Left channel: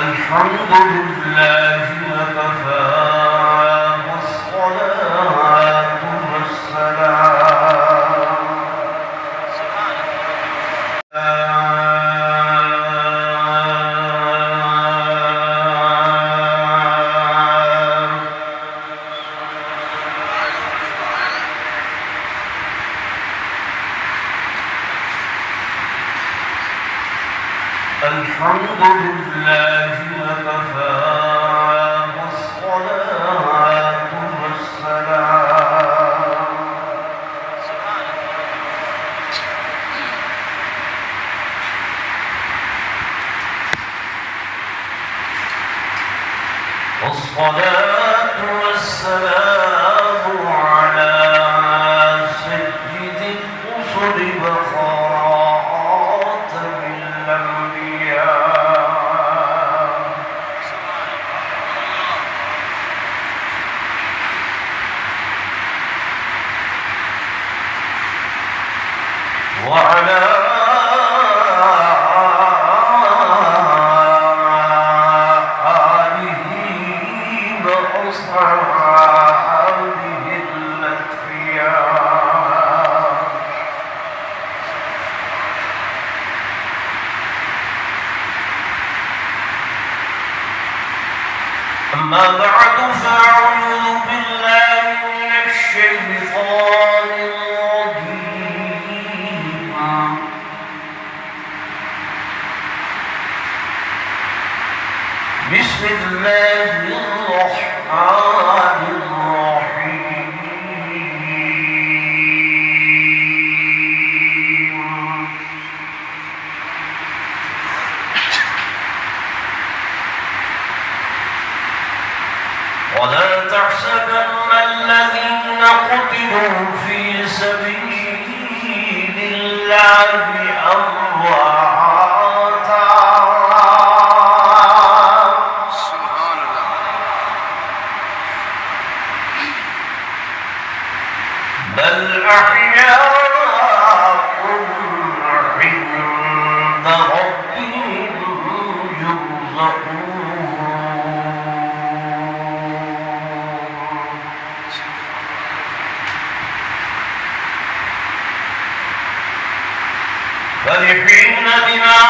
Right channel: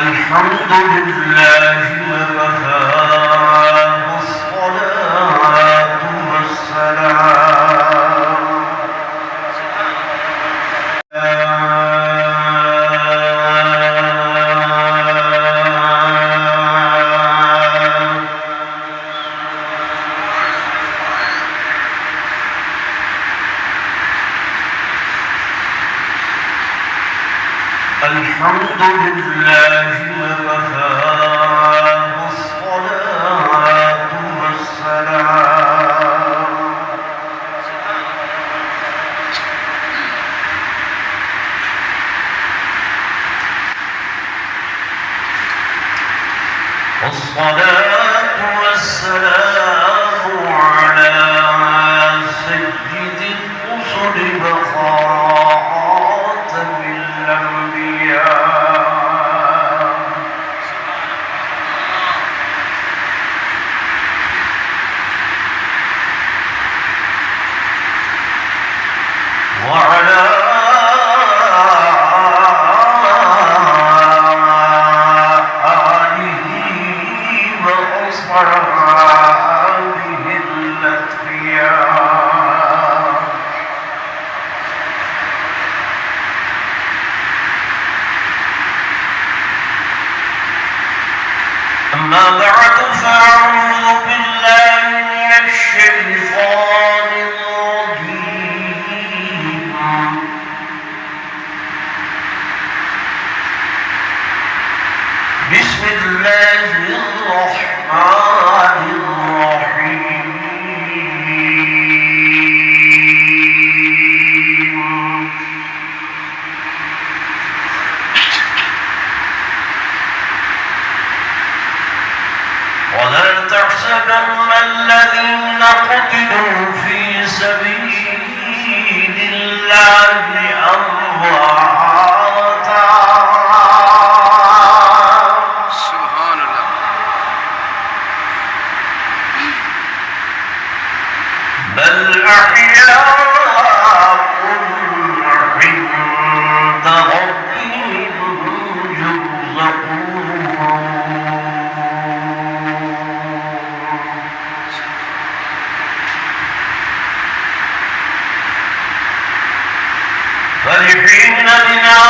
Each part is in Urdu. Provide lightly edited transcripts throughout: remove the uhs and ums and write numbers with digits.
الحمد لله وكفى والصلاة والسلام الحمد لله وكفى والصلاة والسلام والصلاة والسلام على سيد الرسل وخاتم الأنبياء وعلى آله وأصحابه الأتقياء أما بعد فأعوذ بالله من الشيطان الرجيم بسم الله الرحمن الرحيم ولا تحسبن الذين قتلوا في سبيل الله أمواتا سبحان الله بل أحياء عند ربهم يرزقون فرحين بما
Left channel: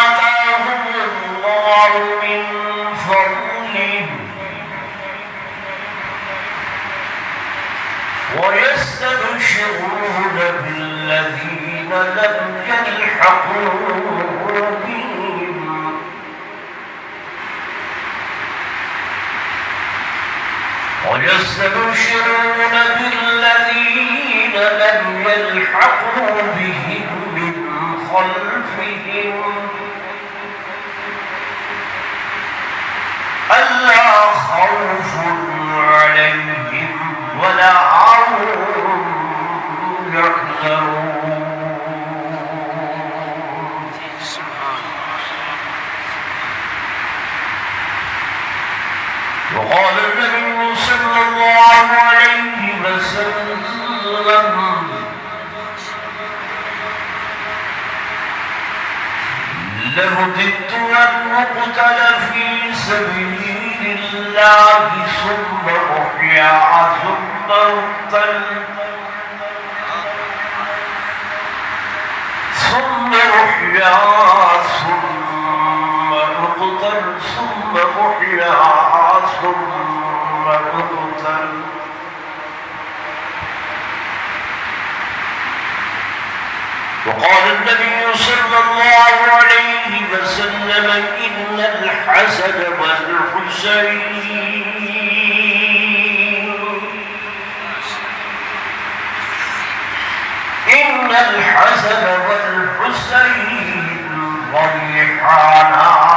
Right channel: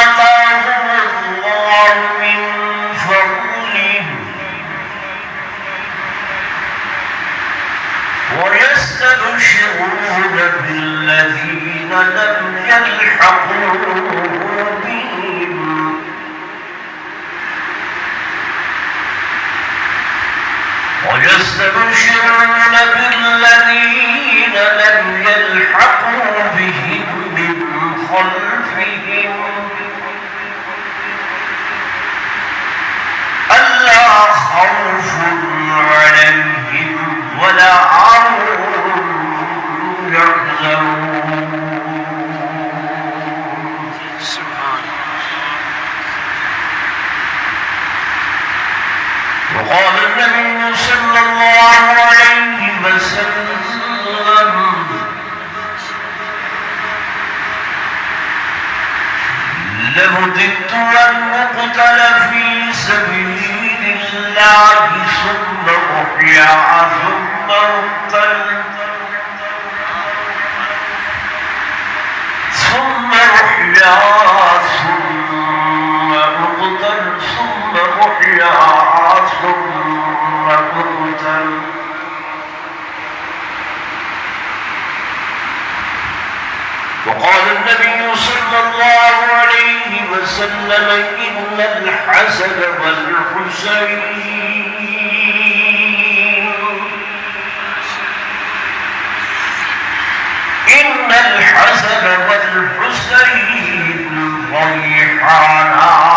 آتاهم الله من فضله ويستبشرون بالذين لم يلحقوا بهم ويستبشرون بالذين لم يلحقوا بهم من خلفهم ألا خوف عليهم ولا هم يحزنون سبحان وقال النبي صلى الله عليه وسلم لوددت أن أقتل في سبيل الله ثم أحيا ثم أقتل ثم أحيا ثم أقتل ثم أحيا ثم أقتل وقال النبي صلى الله عليه وسلم إن الحسن والحسين إن الحسن والحسين ريحانا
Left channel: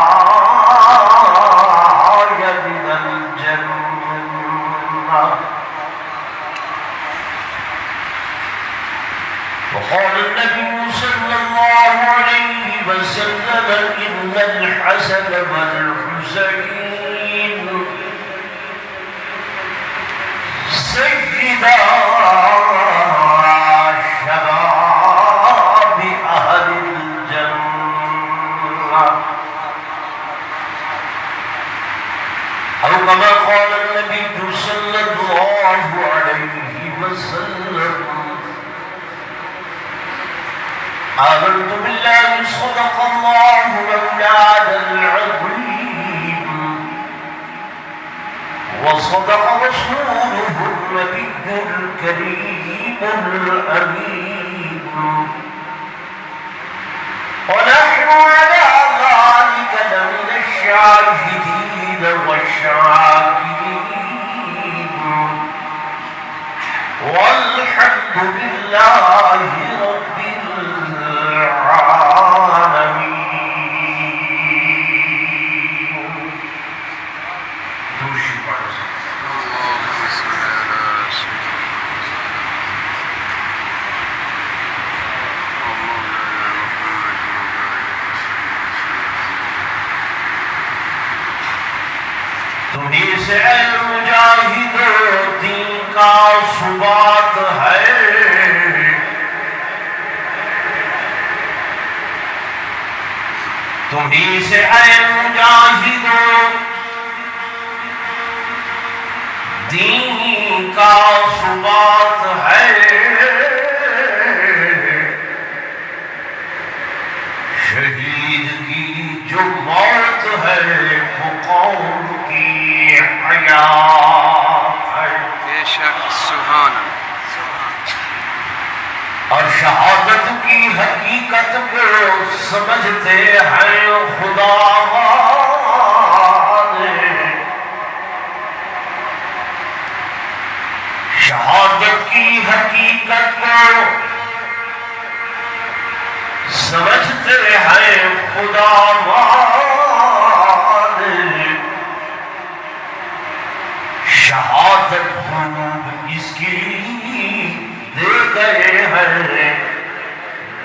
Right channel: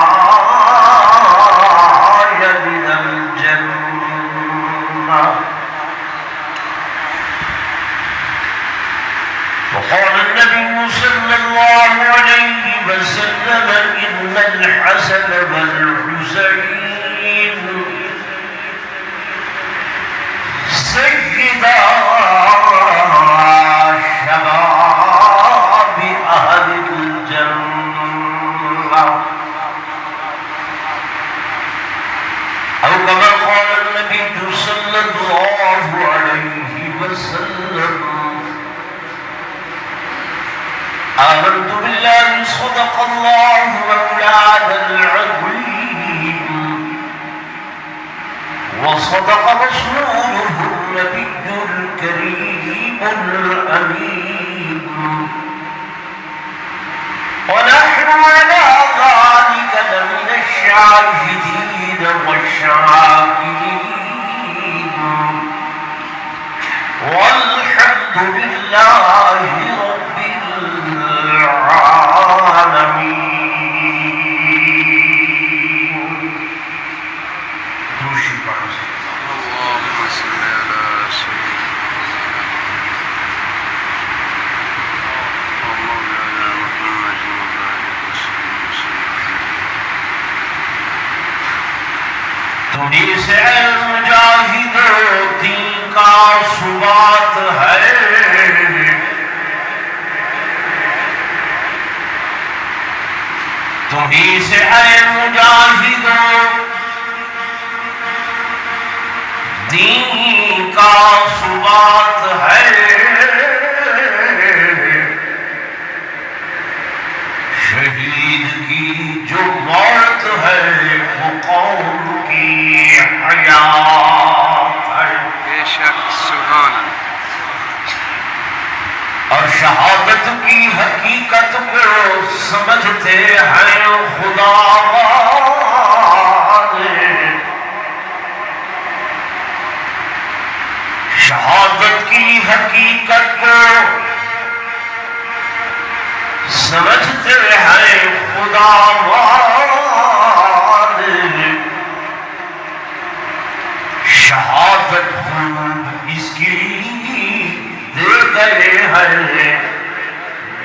من الجنة وقال النبي صلى الله عليه وسلم والحسين سيدا شباب أهل الجنة أو كما قال النبي صلى الله عليه وسلم آمنت بالله صدق الله مولانا العظيم وصدق رسوله النبي الكريم الأمين ونحن على ذلك لمن الشاهدين والشاكرين والحمد لله رب العالمين. اللهم صل على سيدنا ومولانا محمد وبارك وسلم تمہیں سے مجاہد دین کا ثبات ہے تمہیں سے اے مجاہد دین کا ثبات ہے شہید کی جو موت ہے وہ قوم کی حیات ہے بے شک سبحان اللہ اور شہادت کی حقیقت کو سمجھتے ہیں خدا والے شہادت کی حقیقت کو سمجھتے ہیں خدا والے شہادت خوب اس کی دے گئے ہیں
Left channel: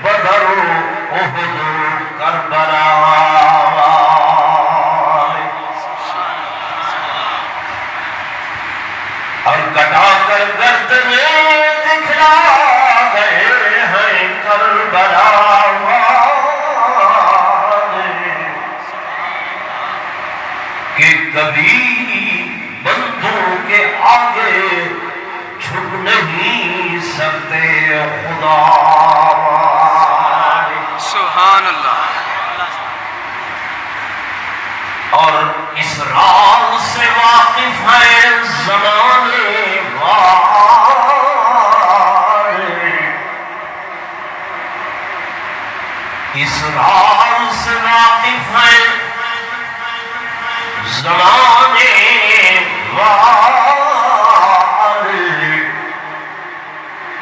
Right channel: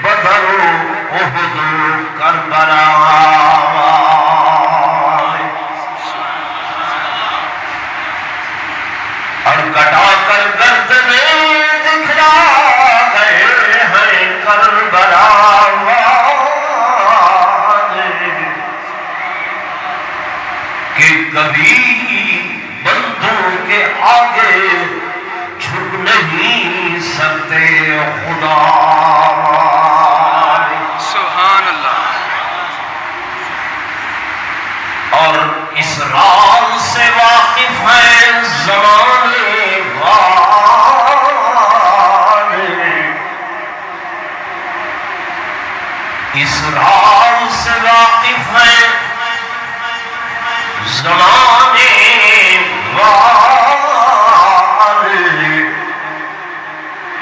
بدر و احد و کربلا اور کٹا کر گردنیں دکھلا گئے ہیں کربلا کہ کبھی بندوں کے آگے جھک نہیں سکتے خدا سبحان اللہ اور اس راز سے واقف ہے زمانے والے اس راز سے واقف ہے زمانے والے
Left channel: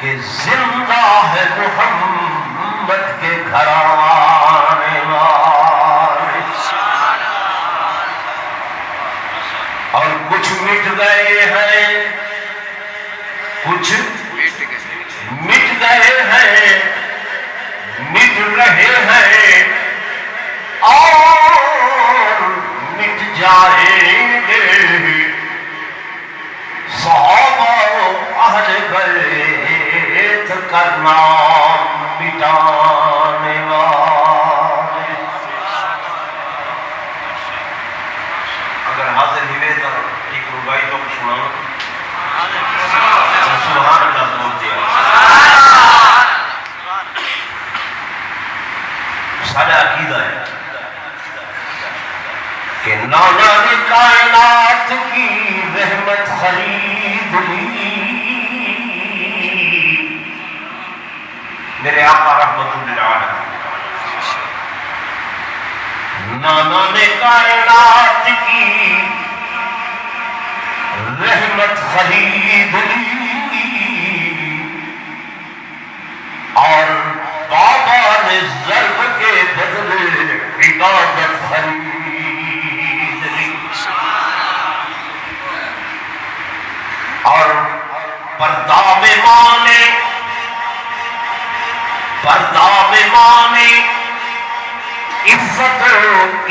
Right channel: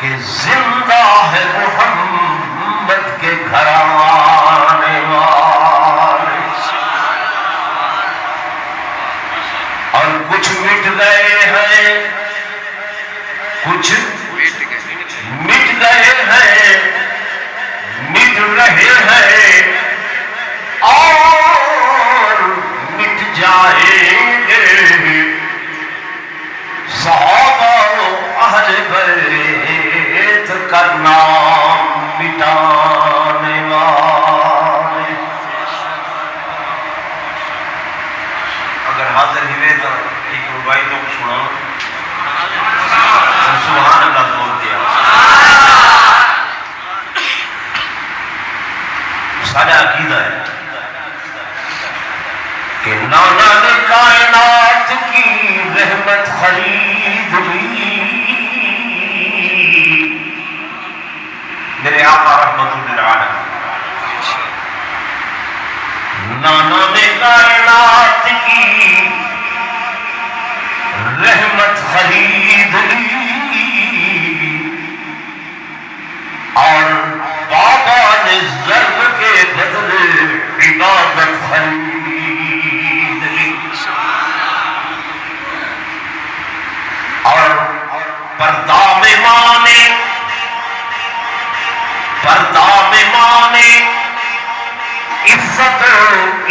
کہ زندہ ہے محمد کے گھرانے والے اور کچھ مٹ گئے ہیں کچھ مٹ گئے ہیں مٹ رہے ہیں اور مٹ جائیں گے صحابہ اہل بیت کا نام مٹانے والے اگر حاضر ہوئے تو ایک ربائی تو سناؤ سبحان اللہ بول دیا سارا عقیدہ ہے کہ نانا نے کائنات کی رحمت خرید لی میرے آقا رحمت للعالمین نانا نے کائنات کی رحمت خرید لی اور بابا نے ضرب کے بدلے عبادت خرید لی اور پردہ میں مانے عزت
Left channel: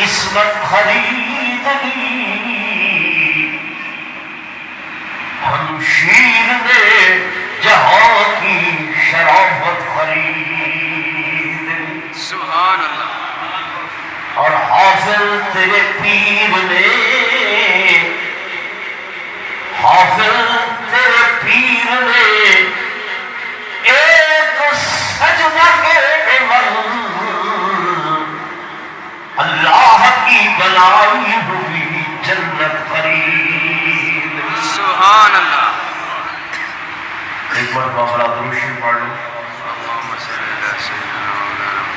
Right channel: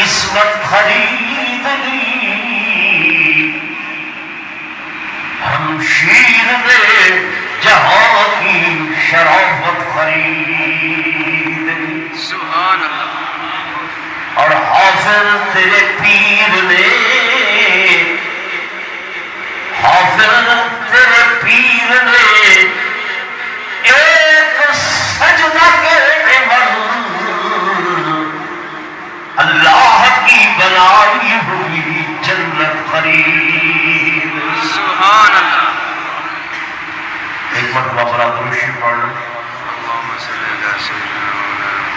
اس عصمت خرید لی ہمشیر نے جہاں کی شرافت خرید لی سبحان اللہ اور حافظ تیرے پیر نے حافظ تیرے پیر نے ایک سجدہ کے عوض اللہ کی بنائی ہوئی جنت خرید سبحان اللہ ایک مرتبہ بڑا درشی پڑھ لو اللهم صل على سيدنا مولانا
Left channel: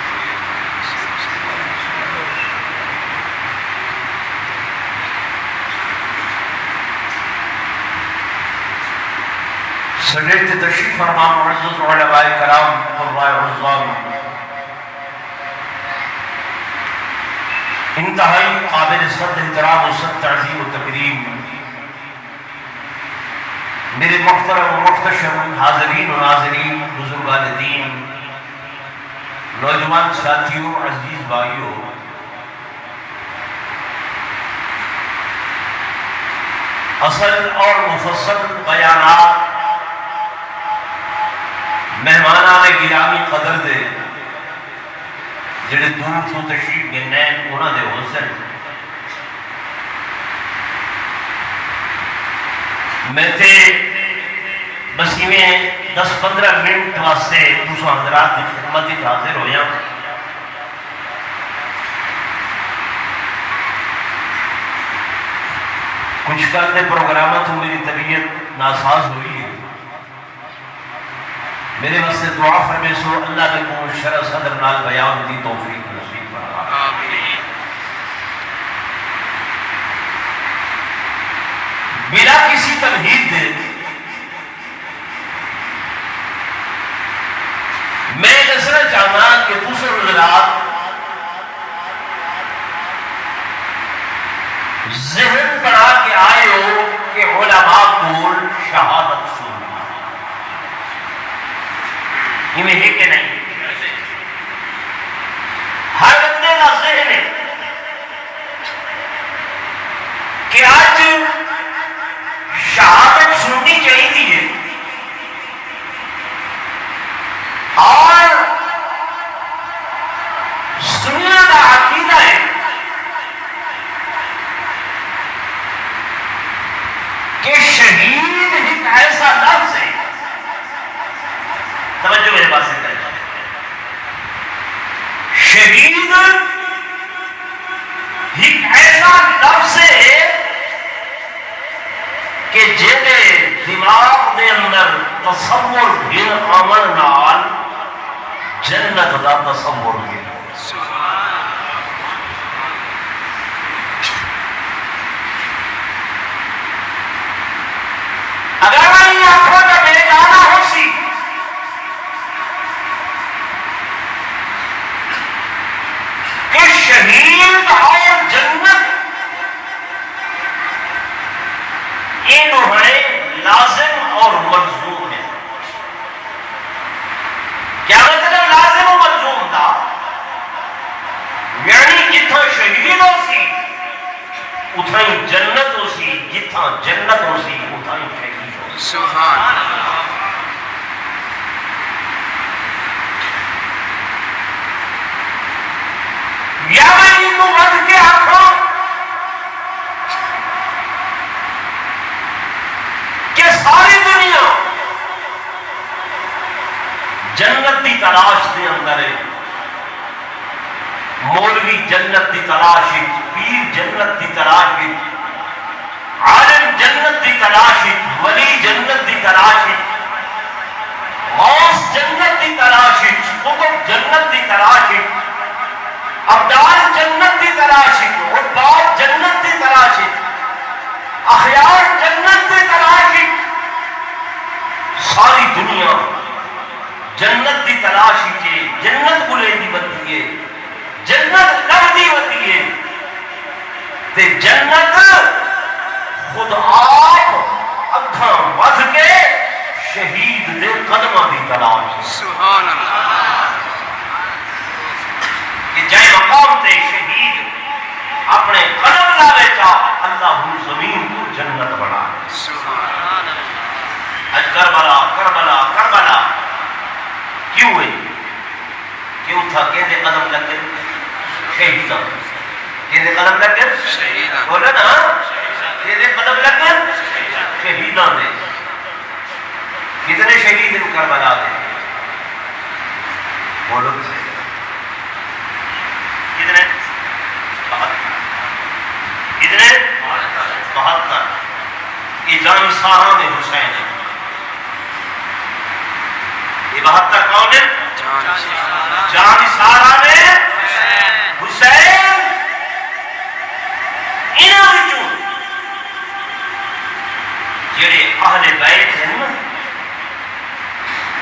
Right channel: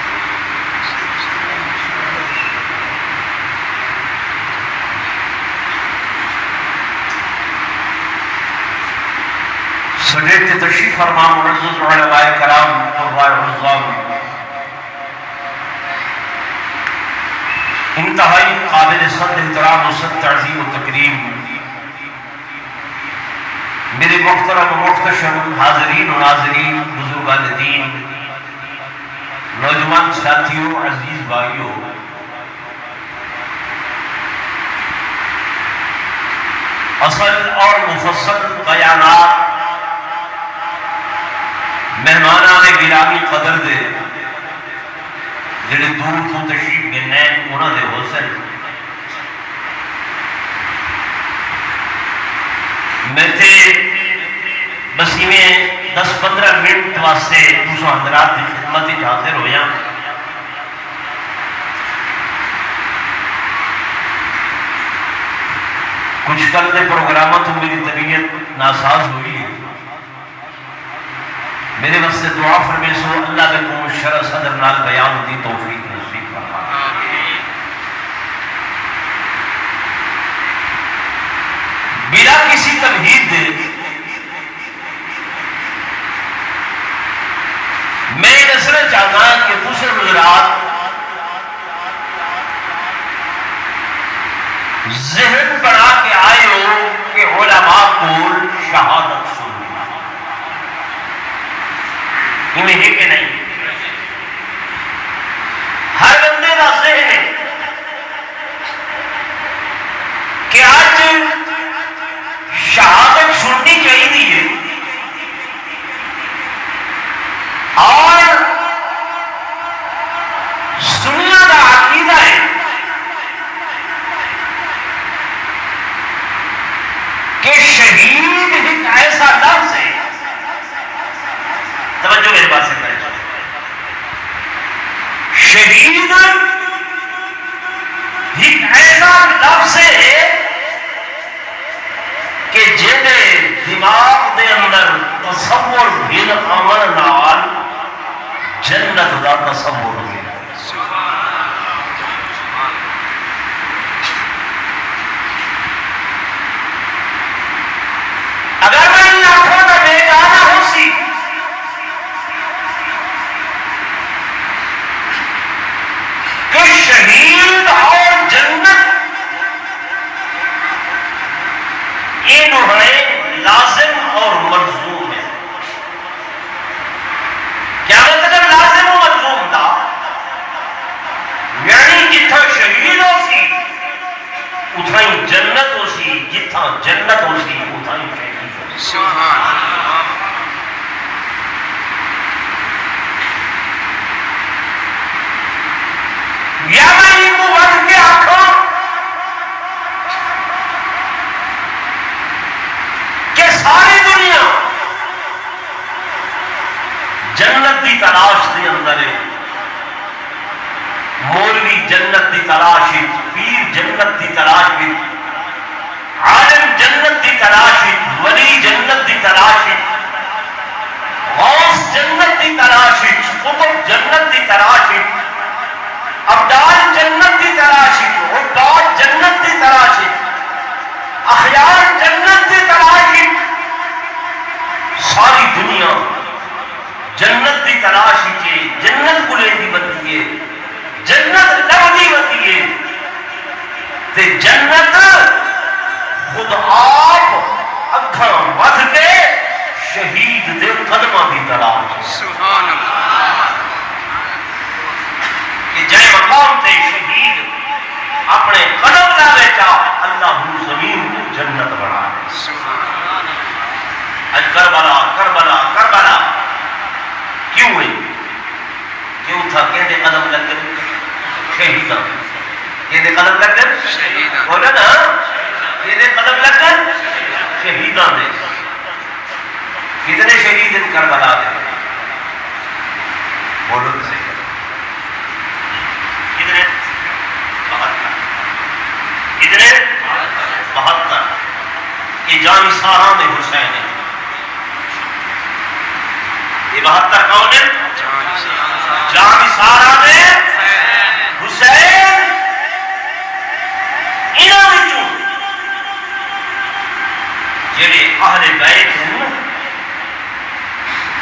سجد تشریف فرما معزز علماء کرام قرآن عظام انتہائی قابل صد احترام و صد تعظیم و تکریم میرے محترم و محتشم حاضرین و ناظرین بزرگان دین نوجوان ساتھیوں عزیز بھائیوں اصل اور مفصل بیانات مہمانان گرامی قدر دے جڑے دور تو تشریف گئے انہاں دے حسن میں تے بس میں 10-15 منٹ واسطے تساں حضرات دی خدمت وچ حاضر ہویا کچھ کل دے پروگراموں تو میری طبیعت ناساز ہوئی ہے میرے واسطے دعا فرمائے سو اللہ نے کو شرح صدر نال بیان دی توفیق نصیب فرمائے آمین بلا کسی تمہید دے میں دسنا چاہتا کہ دوسرے حضرات ذہن بنا کے آئے ہو کہ علماء کو شہادت سننا انہیں ہے کہ نہیں ہر بندے کا ذہن ہے کہ آج شہادت سننی چاہیے اور سننا کا عقیدہ ہے کہ شہید ایک ایسا لفظ ہے توجہ میرے بات سے کریں شہید ایک ایسا لفظ ہے کہ جنہیں دماغ دے اندر تصور دل عمل نال جنت دا تصور دل اگر میں یہ آنکھوں کا بیگانہ ہو سی کہ شہید اور جنت یہ جو ہے لازم اور ملزوم ہے کیا مطلب لازم و ملزوم تھا یعنی جتھا شہید ہو سی اتھا ہی جنت ہو سی جتھا جنت ہو سی اتھا ہی شہید ہو سی سبحان یا میں ان کو بچ کے آنکھوں کہ ساری دنیا جنت دی تلاش دے اندر ہے مولوی جنت دی تلاش ہے پیر جنت دی تلاش ہے عالم جنت دی تلاش ہے ولی جنت دی تلاش ہے غوث جنت دی تلاش ہے قطب جنت دی تلاش ہے ابدال جنت دی تلاش ہے عباد جنت دی تلاش ہے اخیار جنت دی تلاش ہے ساری دنیا جنت دی تلاش ہے جنت کو لے دی بتی ہے جنت لبدی بتی ہے تے جنت خود آپ اکھاں ودھ کے شہید دے قدماں دی تلاش ہے سبحان اللہ کہ جائے مقام تے شہید اٹھا کہ قدم لگے شہیداں کہ قدم لگے شہیداں بولا نا کہ قدم لگے شہیداں دے کتنے شہید ان کربلا دے بولو تو صحیح کتنے 72 کتنے 72 یہ جان سارا میں حسین ہے یہ 72 کون ہے جان سارا میں حسین انہاں وچوں جڑے اہل بیت ہیں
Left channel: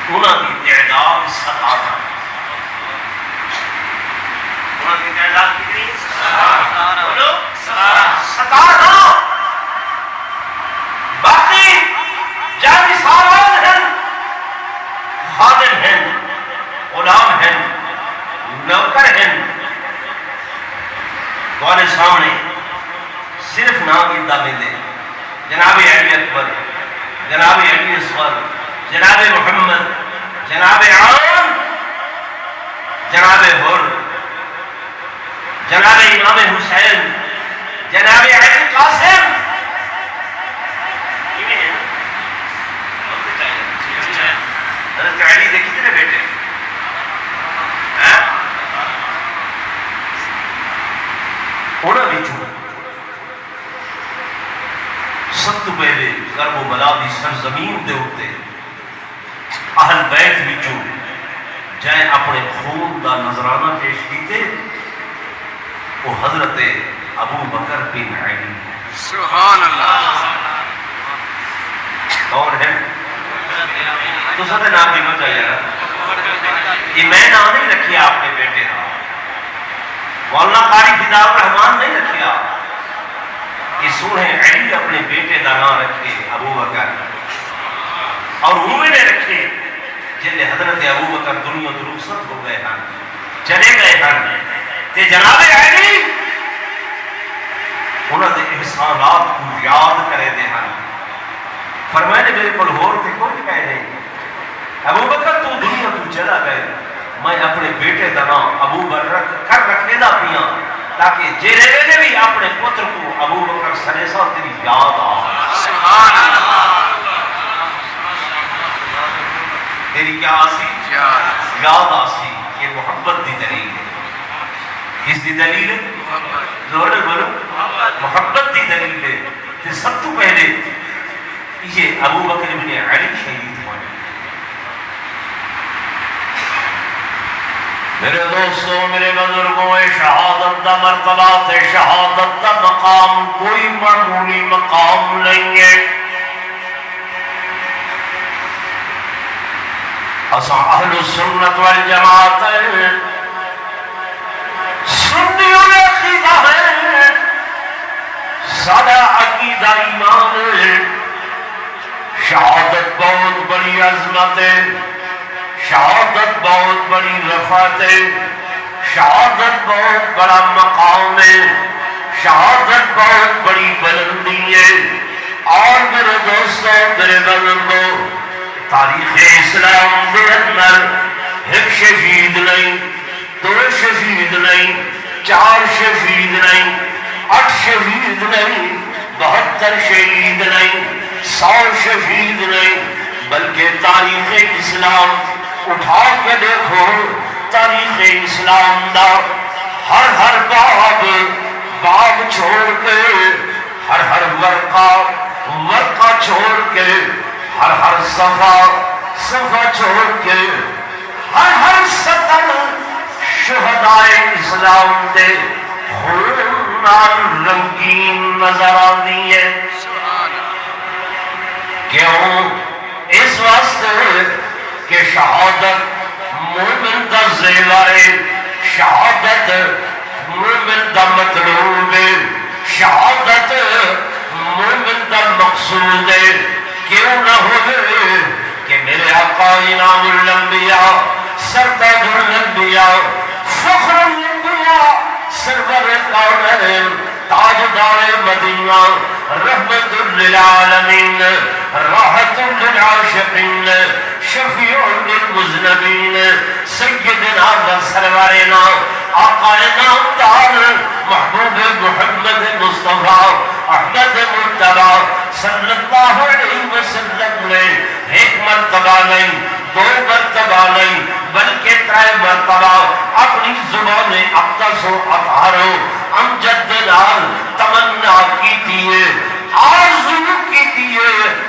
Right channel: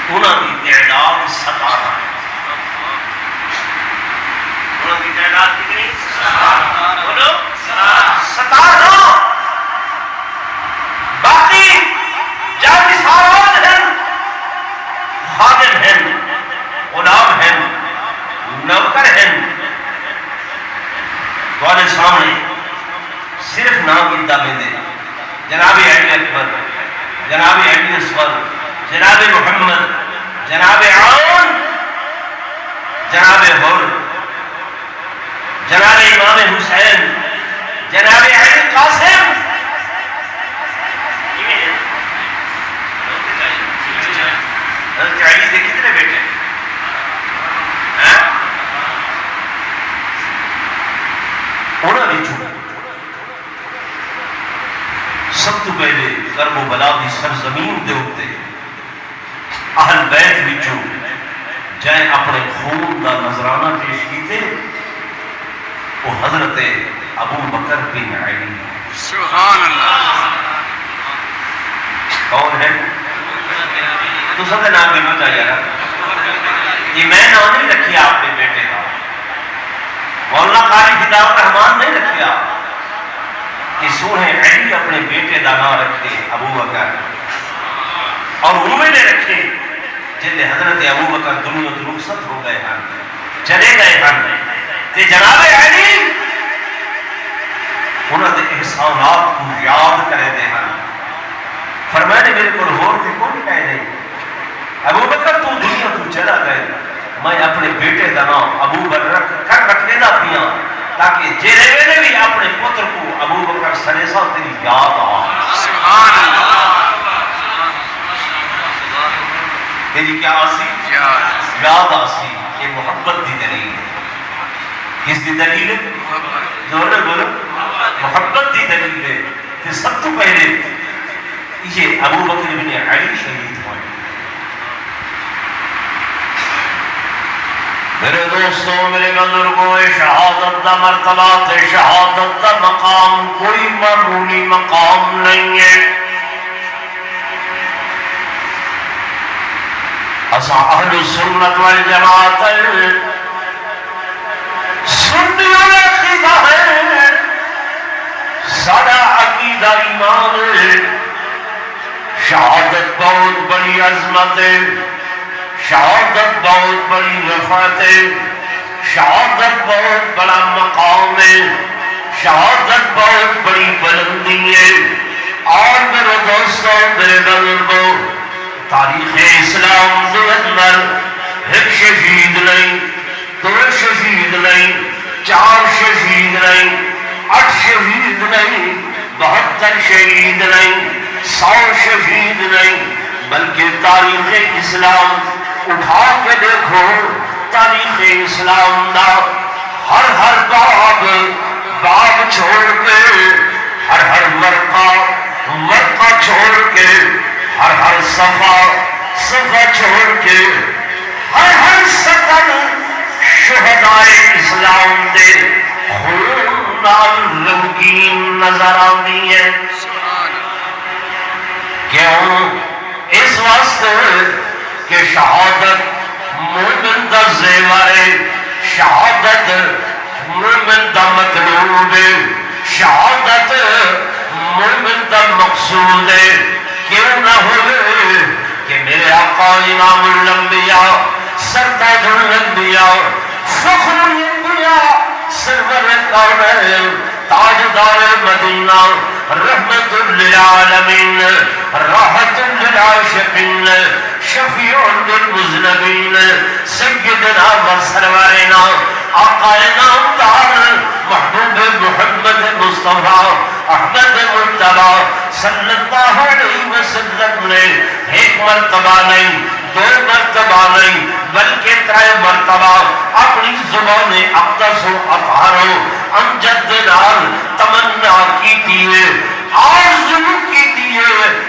انہاں کی تعداد 17 انہاں کی تعداد کتنی 17 بولو 17 باقی جان ساران ہیں خادم ہیں غلام ہیں نوکر ہیں تمہارے سامنے صرف نام کی دعوے دے جناب علی اکبر جناب علی اصغر جناب محمد جناب عون جناب حر جناب امام حسین جناب علی قاسم حضرت علی کے کتنے بیٹے ہیں انہوں سب تو پہلے کرب و بلا دی سرزمین دے ہوتے اہل بیت وچوں جائے اپنے خون دا نظرانہ پیش کیتے وہ حضرت ابو بکر بن علی سبحان اللہ کون ہے تو سب نام بھی بتا یار یہ میں نام نہیں رکھیا اپنے بیٹے کا مولانا قاری فدا الرحمان نہیں رکھیا کہ سونے علی اپنے بیٹے کا نام رکھے ابو بکر اور وہ نے رکھے جن حضرت ابو بکر دنیا تو رخصت ہو گئے ہیں چلے گئے ہیں تے جناب علی انہوں نے احسانات کو یاد کرے دے ہیں فرمایا نے میرے کو ہور تے کوئی کہہ نہیں ابو بکر تو دنیا تو چلا گئے میں اپنے بیٹے کا نام ابو بکر کر رکھنے دا پیا تاکہ جیلے میں بھی اپنے پتر کو ابو بکر سریسا تیری یاد آ سبحان اللہ تیری کیا آسی یاد آسی یہ محبت دی دلیل ہے کس دی دلیل ہے زور بولو محبت دی دلیل ہے کہ سب تو پہلے یہ ابو بکر بن علی شہید ہوئے میرے دوستوں میرے بزرگوں شہادت دا مرتبہ تے شہادت دا مقام کوئی معمولی مقام نہیں ہے اسا اہل السنت والجماعت سنیوں نے عقیدہ ہے سارا عقیدہ ایمان ہے شہادت بہت بڑی عظمت ہے شہادت بہت بڑی وفات ہے شہادت بہت بڑا مقام ہے شہادت بہت بڑی بلندی ہے اور میرے دوستوں میرے بزرگوں تاریخ اسلام کے اندر ایک شہید نہیں دو شہید نہیں چار شہید نہیں 8 شہید نہیں 72 شہید نہیں 100 شہید نہیں بلکہ تاریخ اسلام اٹھا کے دیکھو تاریخ اسلام دا ہر باب چھوڑ کے ہر ورقہ چھوڑ کے ہر صفحہ چھوڑ کے ہر سطر شہدائے اسلام دے خون نال رنگین نظر آتی ہے کیوں اس واسطے کہ شہادت مومن دا زیور ہے شہادت مومن دا مطلوب ہے شہادت مومن دا مقصود ہے کیوں نہ ہوئے کہ میرے آقا امام الانبیاء سردار الانبیاء فخر الانبیاء سرور کونین تاجدار مدینہ رحمت للعالمین راحت للعاشقین شفیع للمذنبین سیدنا و سرورنا آقا نامدار محبوب محمد مصطفیٰ احمد مجتبی صلی اللہ علیہ وسلم نے ایک مرتبہ نہیں دو مرتبہ نہیں بلکہ 3 مرتبہ اپنی زبان اقدس و اطہارو امجد نال تمنا کی تھی آرزو کی تھی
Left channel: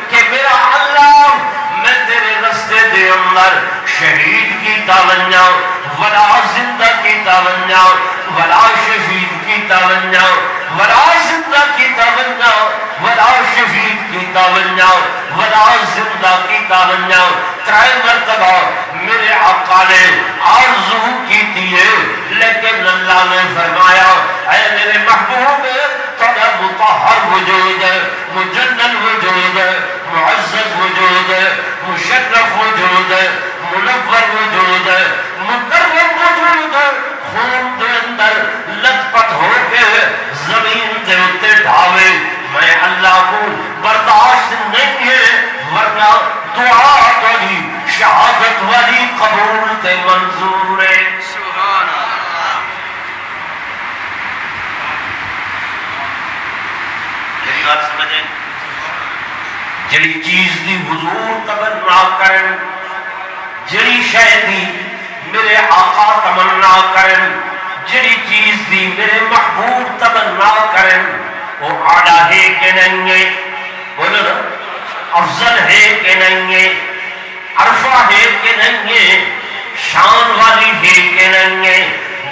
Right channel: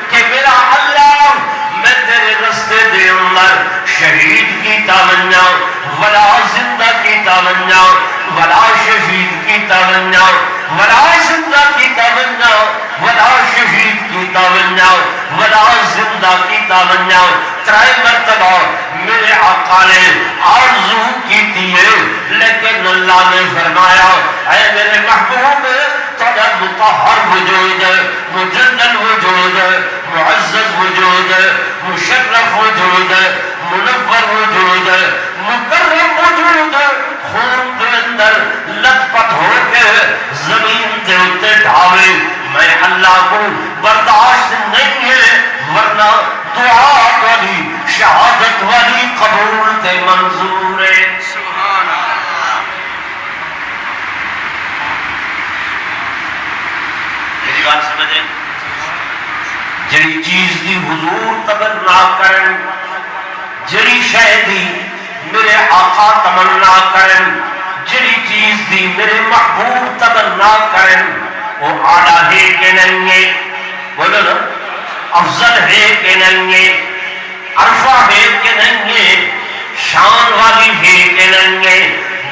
کہ میرا اللہ میں تیرے رستے دے اندر شہید کی تمنا ولا زندہ کی تمنا ولا شہید کی تمنا ولا زندہ کی تمنا ولا شہید کی تمنا ولا زندہ کی تمنا 3 مرتبہ میرے آقا نے آرزو کی تھی لیکن اللہ نے فرمایا اے میرے محبوب تیرا مطہر وجود مجلل وجود معزز وجود مشرف وجود منور وجود مکرم وجود خون دے اندر لت پت ہو کے زمین دے اتے ڈھاوے میں اللہ کو برداشت نہیں ہے ورنہ دعا والی شہادت والی قبول تے منظور ہے سبحان اللہ میری بات سمجھیں جڑی چیز دی حضور تمنا کرن جڑی شے دی میرے آقا تمنا کرن جڑی چیز دی میرے محبوب تمنا کرن وہ آڑا ہے کہ نہیں ہے بولو نا افضل ہے کہ نہیں ہے عرفہ ہے کہ نہیں ہے شان والی ہے کہ نہیں ہے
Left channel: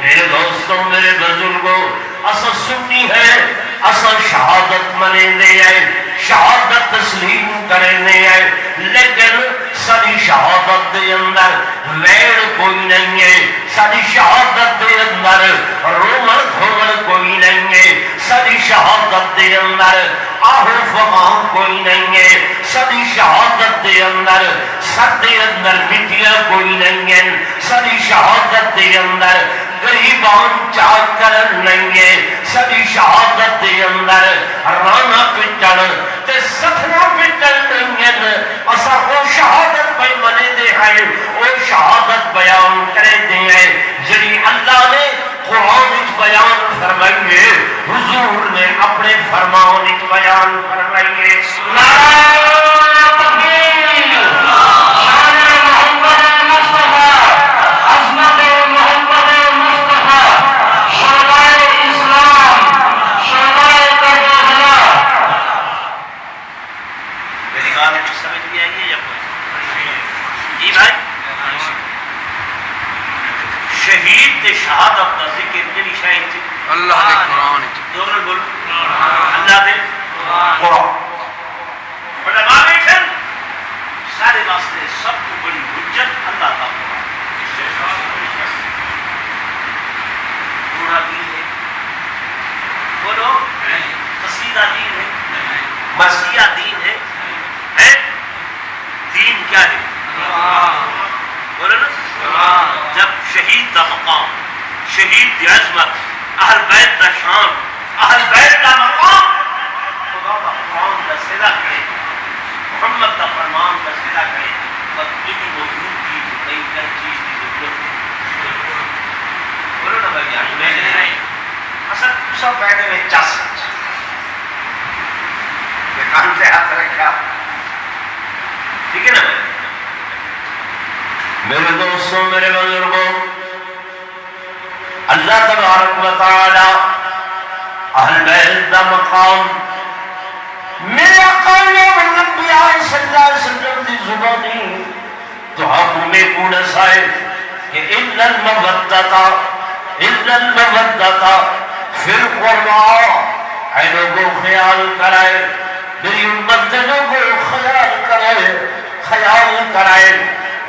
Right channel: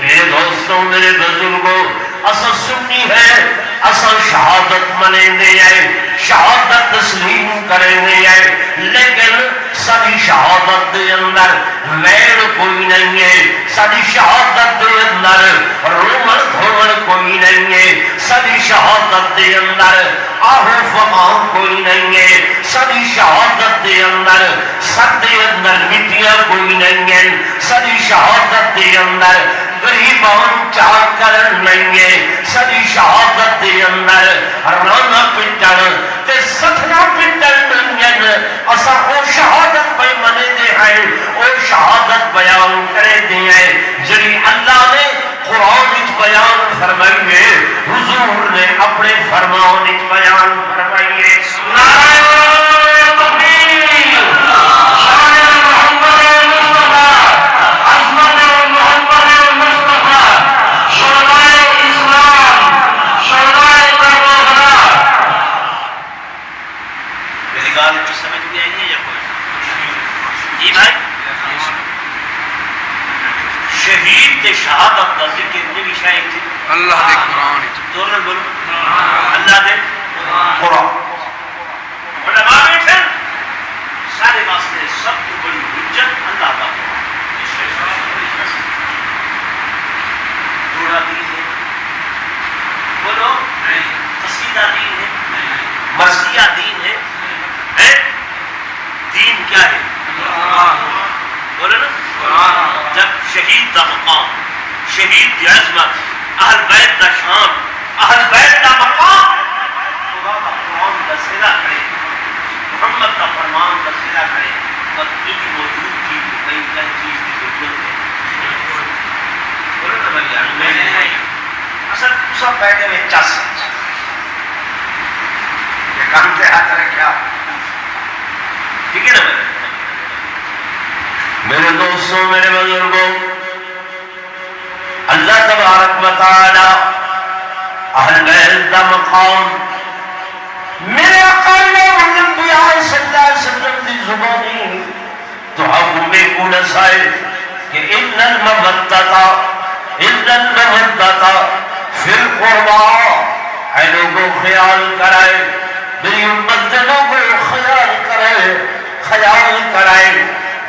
میرے دوستوں میرے بزرگوں اصل سنی ہے اصل شہادت منے دے آئے شہادت تسلیم کرنے آئے لیکن ساری شہادت دے اندر ویڑ کوئی نہیں ہے ساری شہادت دے اندر رومن دھومن کوئی نہیں ہے ساری شہادت دے اندر آہو فقام کوئی نہیں ہے ساری شہادت دے اندر سر دے اندر مٹیاں کوئی نہیں ہے ساری شہادت دے اندر غریبان چاہ کرن نہیں ہے ساری شہادت دے اندر رانا پٹن تے ستنا پٹن نہیں ہے اسا او شہادت پہ منے دے ہیں او شہادت بیان کرے دے ہیں جری اللہ نے قرآن اچ بیان فرمائیے حضور نے اپنے فرمان اچ بیان فرمائیے نعرہ تکبیر شان محمد مصطفیٰ عظمت محمد مصطفیٰ شرائع اسلام شرائع کربلا میری گال کچھ سمجھ بھی آئی ہے یا کوئی جی بھائی شہید تے شہادت دا ذکر جڑی شاید اللہ دے قرآن دونوں بولو اللہ دے قرآن علماء بیٹھن سارے واسطے سب کو بڑی حجت اللہ کا تھوڑا دین ہے بولو قصیدہ دین ہے مرثیہ دین ہے دین کیا ہے بولو نا جب شہید دا مقام شہید دی عظمت اہل بیت دا شان اہل بیت دا مقام خدا دا قرآن دا سیدہ کرے محمد دا فرمان دا سیدہ کرے بس دلی موجود کی کئی کئی چیز کی ضرورت ہے بولو نا بھائی یار میں نے اصل سب بیٹھے ہوئے چس یہ کان سے ہاتھ رکھا ٹھیک ہے نا بھائی میرے دوستوں میرے بزرگوں اللہ تبارک و تعالی اہل بیت دا مقام میرے اقل انبیاء صلی اللہ علیہ وسلم دی زبانی تو حکمے کو نسائے کہ ان المودتا فی القربا اے لوگوں خیال کرائے میری امت لوگوں خیال کرائے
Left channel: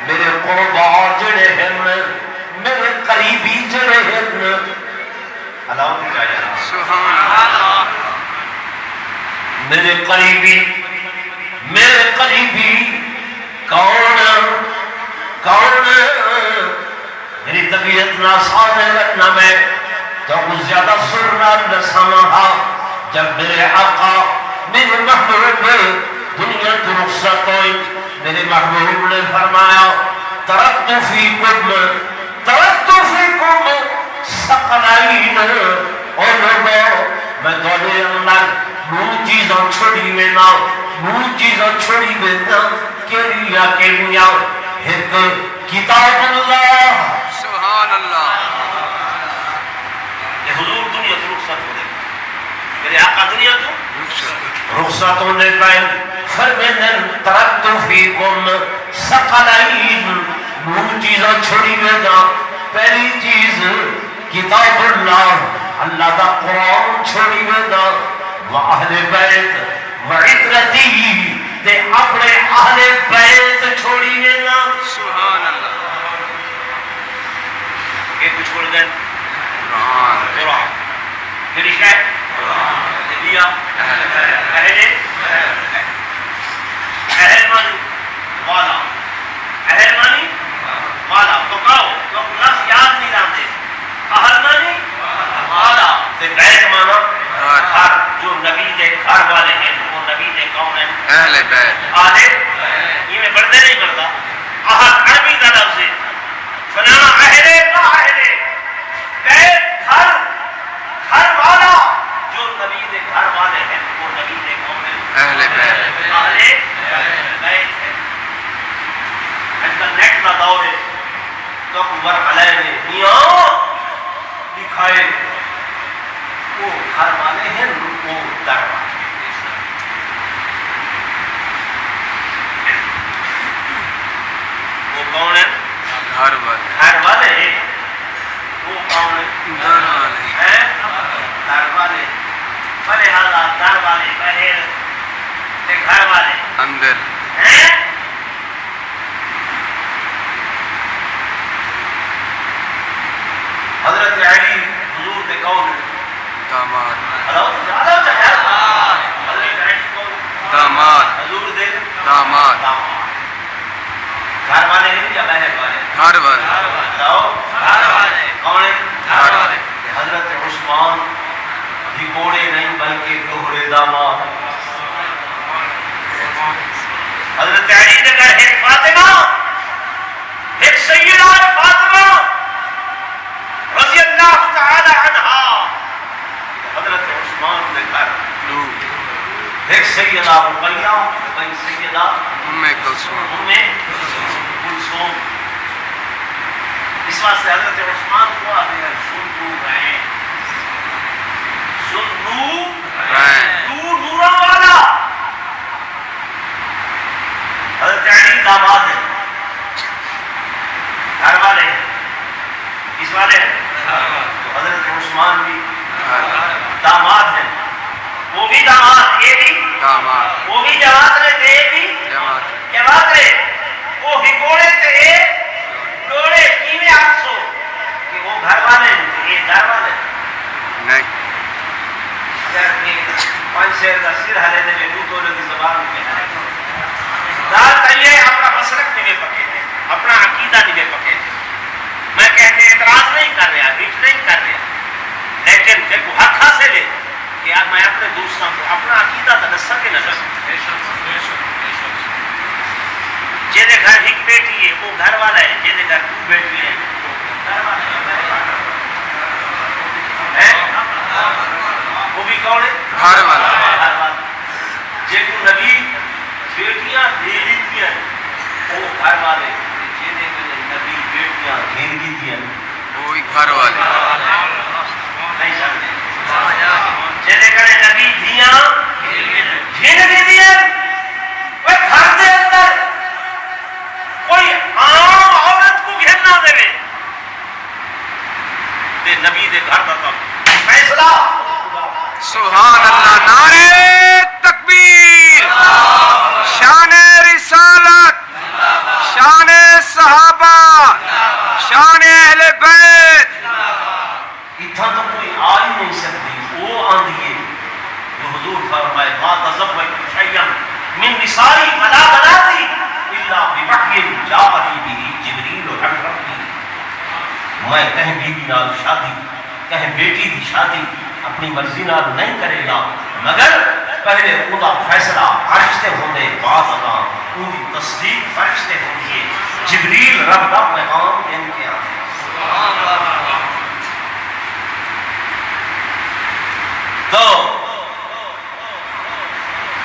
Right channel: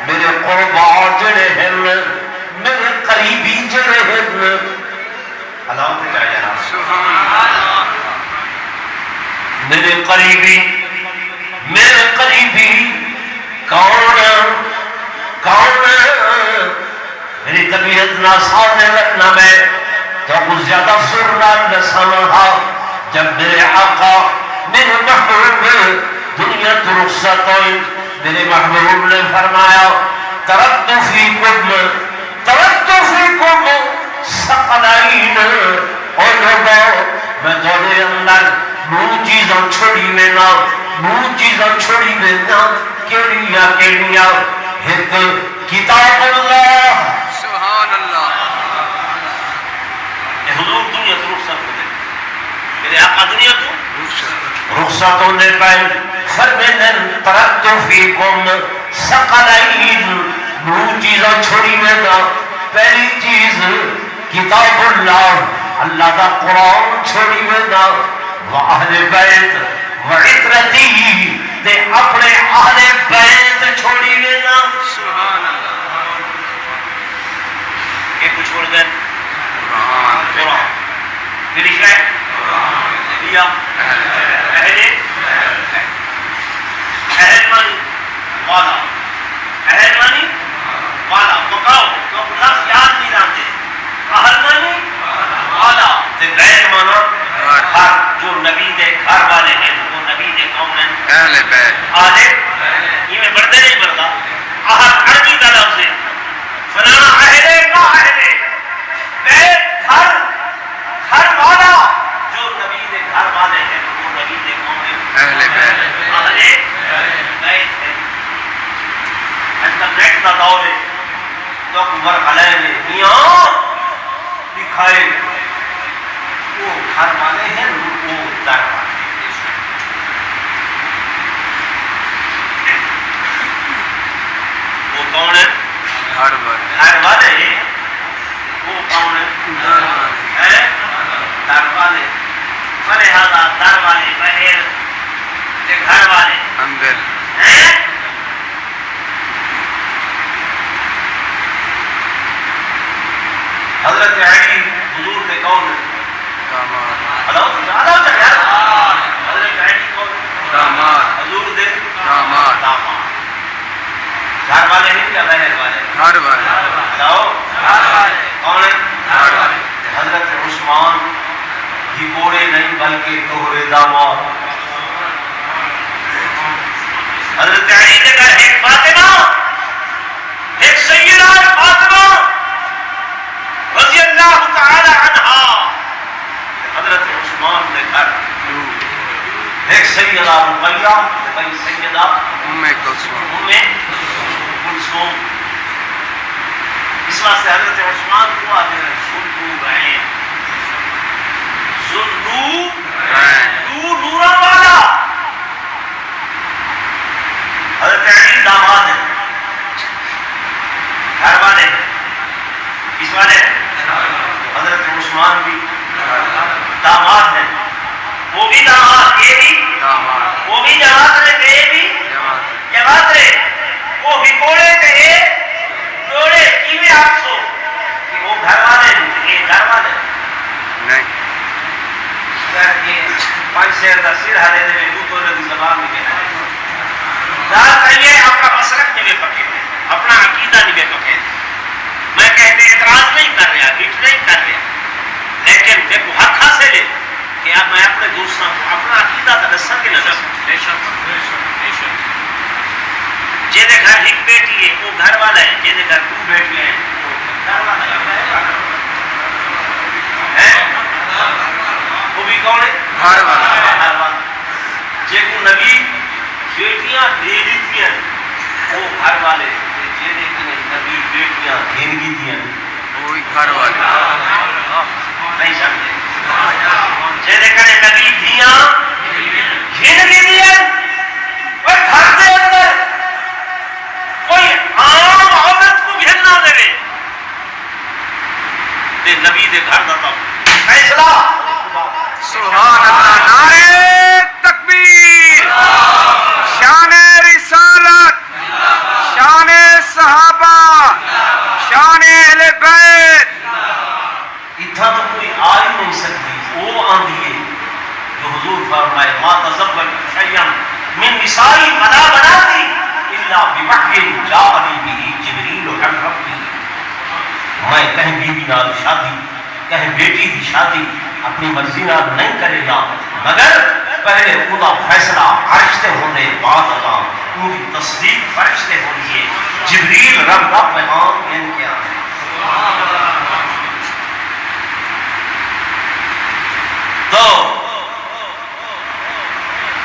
میرے قربا جڑے ہیں میرے قریبی جڑے ہیں اللہ سے کہا جانا سبحان اللہ میرے قریبی کون میری طبیعت نہ سامنے رکھنا میں کیا کچھ زیادہ سرنا نہ سامنا جب میرے آقا میرے محبوب دنیا تو رخصت ہوئی میرے محبوب نے فرمایا ترکت فیکم ثقلین اور لوگوں میں تھوڑے اندر نو چیزاں چھوڑی وینا کیڑیاں ایک کتاب اللہ سبحان اللہ کہ حضور دنیا تو رخصت ہو گئے میرے آقا دنیا تو رخصت ہونے پر فرمائن ترکت فیکم ثقلین دو چیزاں چھوڑی وینا پہلی چیز کتاب اللہ دا قرآن چھوڑی وینا واہل بیت وعطرتی تے اپنے اہل بیت چھوڑی وینا سبحان اللہ ایک کو چھوڑ گئے قرآن میری شاید لیا اہل مانی والا اہل مانی والا تو کہو تو لفظ یاد نہیں رہتے اہل مانی والا تے بیت مانا گھر جو نبی دے گھر والے ہیں وہ نبی دے کون ہیں اہل بیت آلے یہ میں بڑھتے نہیں بڑھتا اہل عربی کا لفظ ہے فلانا اہل کا اہل بیت گھر والا جو نبی دے گھر والے ہیں وہ نبی دے کون ہیں اہل بیت اہل بیت ہے انٹرنیٹ کا دور ہے تو مرحلہ نے میاں دکھائے وہ گھر والے ہیں وہ در والے ہیں وہ کون ہے گھر والے گھر والے ہیں وہ کون ہے در والے در والے فلہذا در والے بہر تے گھر والے اندر ہیں حضرت علی حضور کے کون ہے داماد حضرت علی کون داماد حضور دے داماد داماد گھر والے ہیں یا بہر والے گھر والے بتاؤ کون ہے گھر والے حضرت عثمان گھوڑے نہیں بلکہ دوہرے داماد حضرت علی نے کہا ایک فاطمہ ایک سیدہ فاطمہ رضی اللہ تعالی عنہا حضرت عثمان نے کہا لو ایک سیدہ رقیہ ایک سیدہ ام کلثوم کلثوم اس واسطے حضرت عثمان کو آتے ہیں ذو نورا والا حضرت علی داماد ہے گھر والے کس والے حضرت عثمان بھی داماد ہے وہ بھی داماد یہ بھی داماد وہ بھی جماعت رہے یہ بھی جماعت رہے وہ بھی کوڑے تھے کوڑے کیویں آپ سو کہ وہ گھر والے یہ گھر والے نہیں یار کہ پانچ شہر کا سر ہلے دے دو تو لگی زبان میں کہنا ہے دار کہیے اپنا مسلک نہیں پکے تھے اپنا عقیدہ نہیں پکے تھے میں کہتے اعتراض نہیں کر رہا ہٹ نہیں کر رہا لیکن دیکھو حق حاصل ہے کہ اب میں اپنے دوستوں کو اپنا عقیدہ تو دسا کے نظر جے دے گھر ایک بیٹی ہے وہ گھر والا ہے جے دے گھر دو بیٹی ہیں وہ گھر والا ہے وہ بھی کون ہے گھر والا گھر والا جے کو نبی بیٹیاں دے دیتی ہیں وہ گھر والے جے دے نبی بیٹیاں گھنگی تھی وہی گھر والے نہیں سمجھے جے دے کرے نبی دھیاں گھنگی دیا وہ گھر دے اندر کوئی عام عورت کو گھننا دے تے نبی دے گھر دا تب فیصلہ سبحان اللہ نعرہ تکبیر شان رسالت شان صحابہ شان اہل بیت اتنا تو کوئی آ ہی نہیں سکتی وہ آندھی ہے جو حضور فرمائے ما تزبر شیم من نسائی ملا بناتی الا بوحی جاءنی به جبریل عن ربی میں کہیں بیوی نال شادی کہیں بیٹی دی شادی اپنی مرضی نال نہیں کرے گا مگر پہلے وہ فیصلہ عرش تے ہونے بعد اگا ان کی تصدیق فرش تے ہونی ہے جبریل رب دا پیغام ان کے آنے تو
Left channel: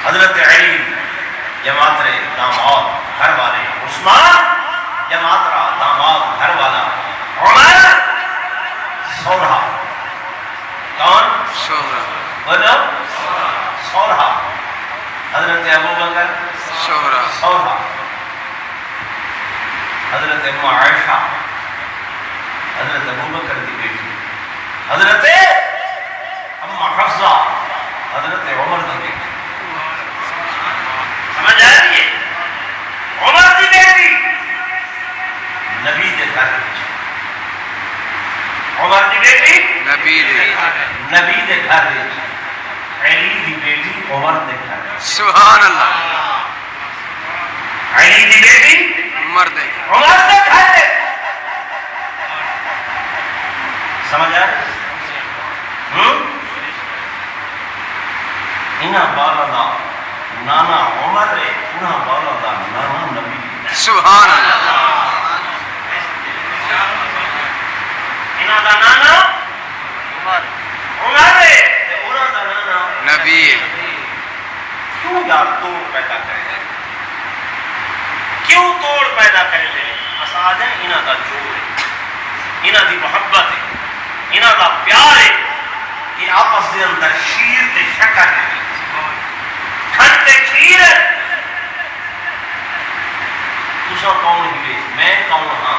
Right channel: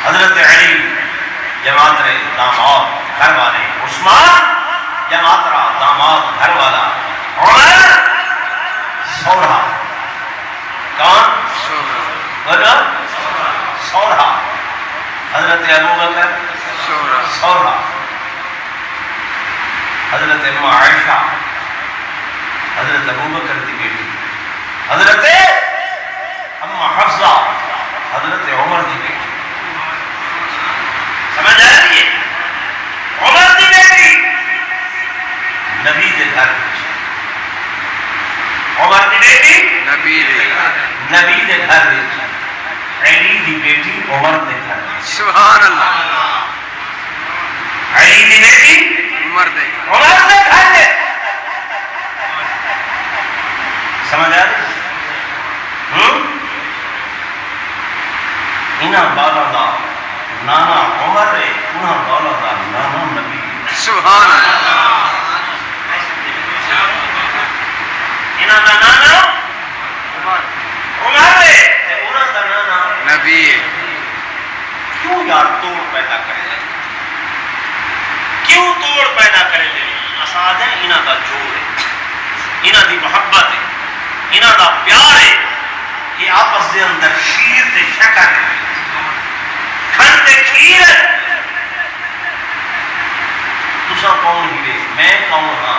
حضرت علی جماعت رے داماد گھر والے عثمان جماعت را داماد گھر والا عمر سورہ کون بولو سورہ حضرت ابو بکر سورہ حضرت ام عائشہ حضرت ابو بکر کی بیٹی حضرت ام حفصہ حضرت عمر کی بیٹی سمجھ آ رہی ہے عمر کی بیٹی نبی دے گھر عمر کی بیٹی نبی دے گھر علی کی بیٹی عمر دے گھر سبحان اللہ علی کی بیٹی عمر دے عمر دے گھر دے سمجھ آ رہی انہاں بالا دا نانا عمر ہے انہاں بالا دا نانا نبی سبحان اللہ انہاں دا نانا عمر ہے انہاں دا نانا نبی کیوں یار توڑ پیدا کرے لے کیوں توڑ پیدا کرے لے اساد ہے انہاں دا جوڑ ہے انہاں دی محبت ہے انہاں دا پیار ہے یہ آپس دے اندر شیر تے شکر ہے کھن تے کھیر ہے تسا کون ہی میں کون ہاں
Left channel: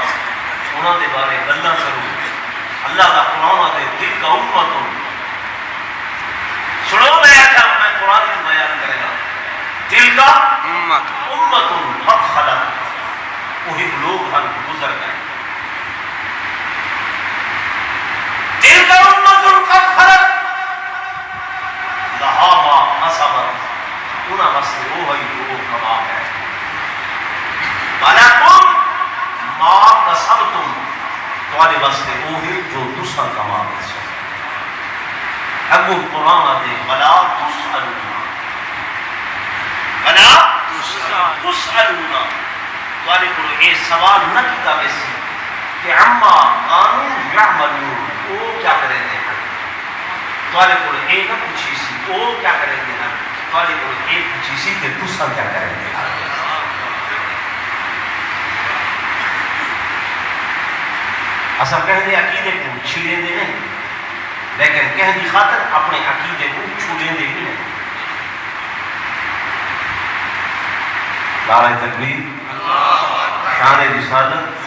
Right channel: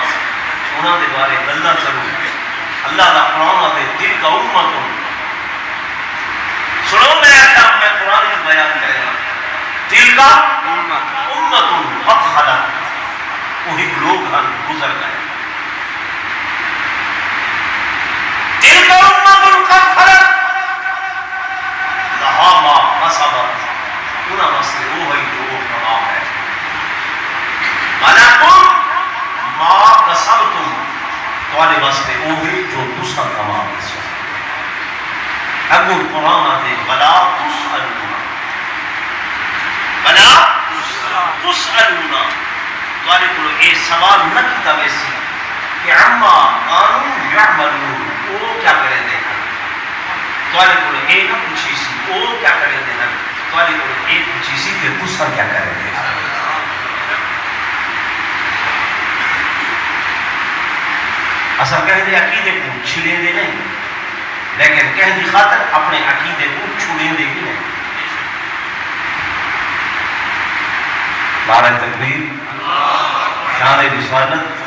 انہاں دے بارے گلاں کروں اللہ دا قرآن آتے دل کا امت سنو میں قرآن کی بیان کرے گا دل کا امت قد خلت وہی لوگ ہم گزر گئے دل کا امت قد خلت لہا ما کسبت انہاں واسطے وہی جو کما ہے وَلَكُمْ مَا كَسَبْتُمْ تمہارے واسطے وہی جو تسا کما ہے اگو قرآن آتے وَلَا تُسْأَلُونَ وَلَا تُسْأَلُونَ تمہارے کو یہ سوال نہ کیتا ویسے کہ عما قانون یعملون وہ کیا کریں دے تمہارے کو یہ نہ پوچھی سی وہ کیا کریں دے تمہارے کو یہ پوچھی سی کہ تسا کیا کریں دے اصل کہہ دے عقیدے کو چھلے دے نہیں لیکن کہہ دی خاطر اپنے عقیدے کو چھوڑے دے بھی نہیں نعرہ تکبیر شان رسالت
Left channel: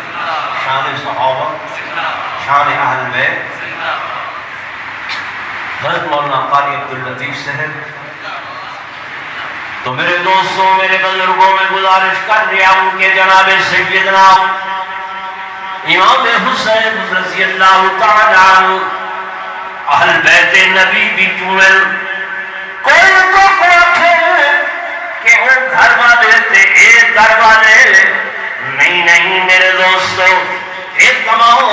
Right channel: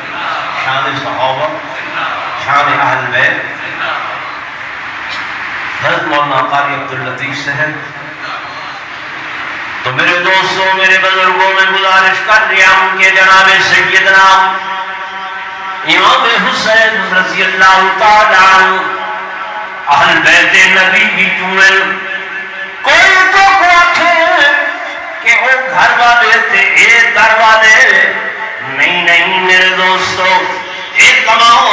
شان صحابہ شان اہل بیت حضرت مولانا قاری عبداللطیف صاحب تو میرے دوستوں میرے بزرگوں میں گزارش کر رہا ہوں کہ جناب سیدنا امام حسین رضی اللہ تعالیٰ عنہ اہل بیت نبی بھی چونل کوئی تو کوٹھے کہ وہ گھر والے تھے ایک گھر والے نہیں میرے دوستو ایک تمام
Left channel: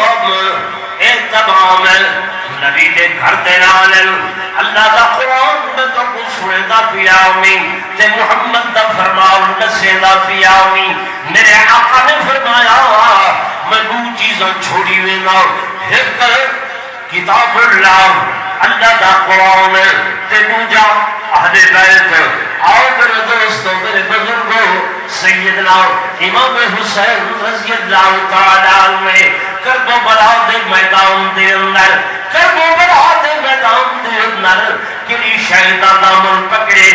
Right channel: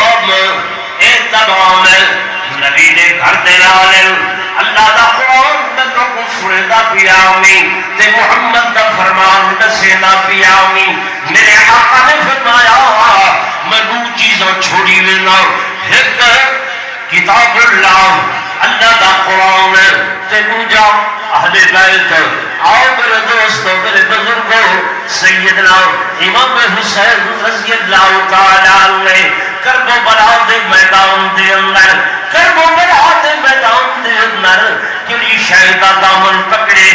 نبی دے گھر دے لالل اللہ دا قرآن میں تو کچھ سنے دا پیاؤں تے محمد دا فرمان نسے دا پیاؤں میرے آقا نے فرمایا میں دو چیزوں چھوڑی ہوئے ایک کتاب اللہ دا قرآن تے دوجا اہل بیت آؤ میرے دوستو میرے بزرگوں سیدنا امام حسین رضی اللہ تعالیٰ عنہ کربلا دے میدان دے اندر کربلا دے میدان دے اندر کلی شہیدہ دامن پکڑے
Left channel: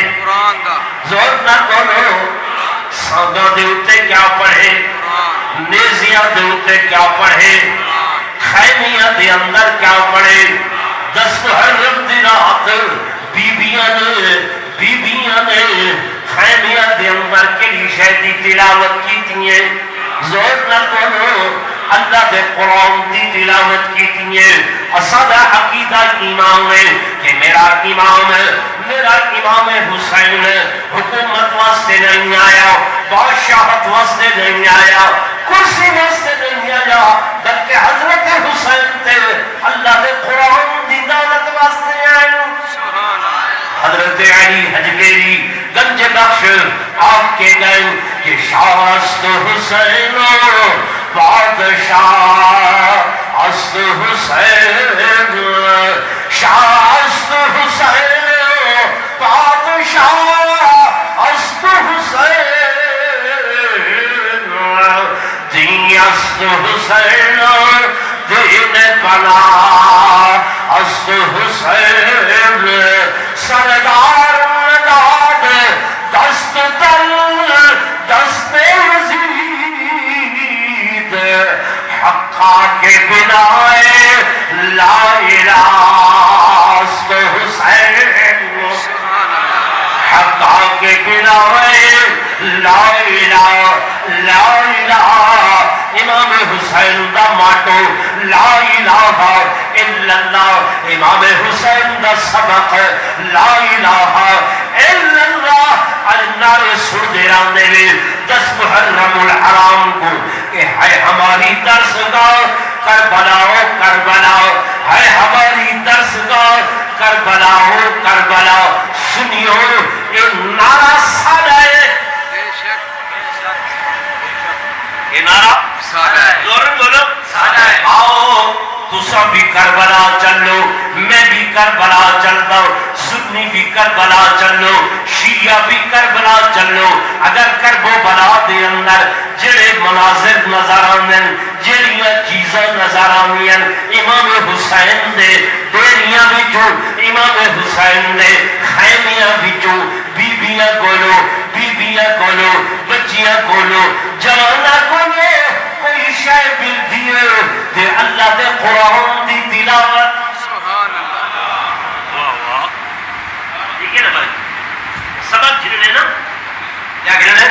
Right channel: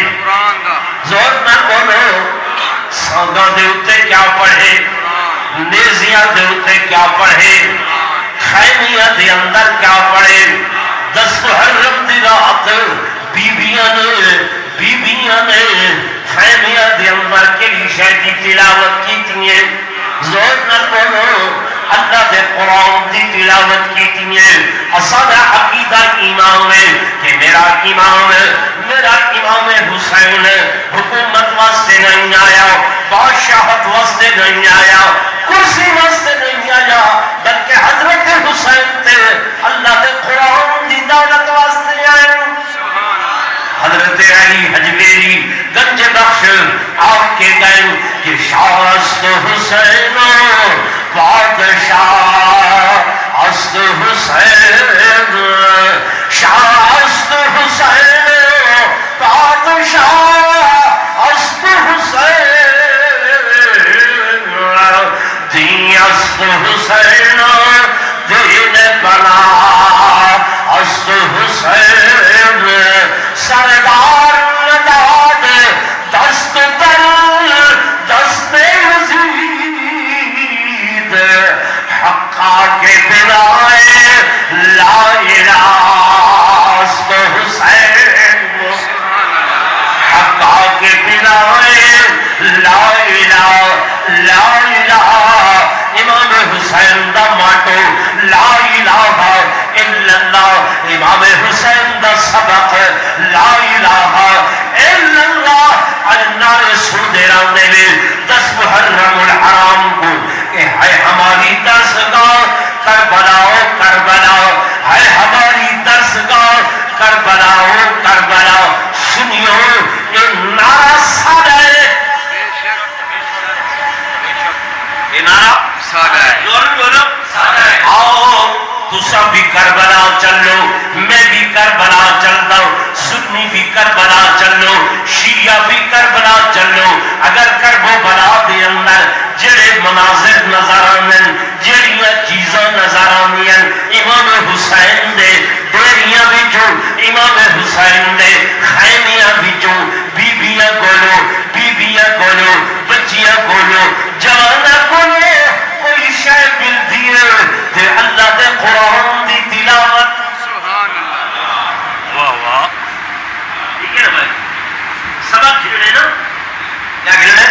زور نہ بولو سانگا دے اتے کیا پڑھے نیزیاں دے اتے کیا پڑھے خیمیاں دے اندر کیا پڑھے 10 محرم دی رات بیبیاں نے خیمیاں دے اندر کلی شہیدی تلاوت کی تھی زور نہ بولو اللہ دے قرآن دی تلاوت کی تھی اصلا عقیدہ امام ہے کہ میرا امام حسین حکومت واسطے نہیں آیا بادشاہت واسطے نہیں آیا کرسی واسطے نہیں آیا بلکہ حضرت حسین تے اللہ دے قرآن دی دولت واسطے آیا حضرت علی حجویری گنج بخش آپ کے گئے کہ شاست حسین بادشاہ است حسین شاست حسین بادشاہ است حسین دین است حسین دین بنا است حسین سردار نداد دست در دست یزید حقا کے بنا لا الہ است حسین حقا کے بنا لا الہ لا الہ امام حسین دا ماٹو لا الہ الا اللہ امام حسین دا سبق لا الہ الا اللہ اللہ رسول دیران دے 10 محرم الحرام کو کہ ہے ہماری درسگاہ کربلا کربلا ہے ہماری درسگاہ کربلا کربلا سنیو یہ نعرہ سادہ ہے یہ نعرہ سادہ ہے زورن بولو سادہ ہے آؤ تسا بھی کربلا چلو میں بھی کربلا چلتا ہوں سنی بھی کربلا چلو شیعہ بھی کربلا چلو اگر کربو بلا دے اندر جڑے مناظر نظر آمین جڑیاں چیزاں نظر آمین امام حسین دے ڈیریاں بچوں امام حسین دے خیمیاں بچوں بیبیاں گولو بچیاں گولو جوانا گولو کوئی شے مل دیئے دے اللہ دے قرآن دی تلاوت سبحان اللہ واہ واہ ٹھیک ہے نا بھائی سبق گھننے نا کیا گھننے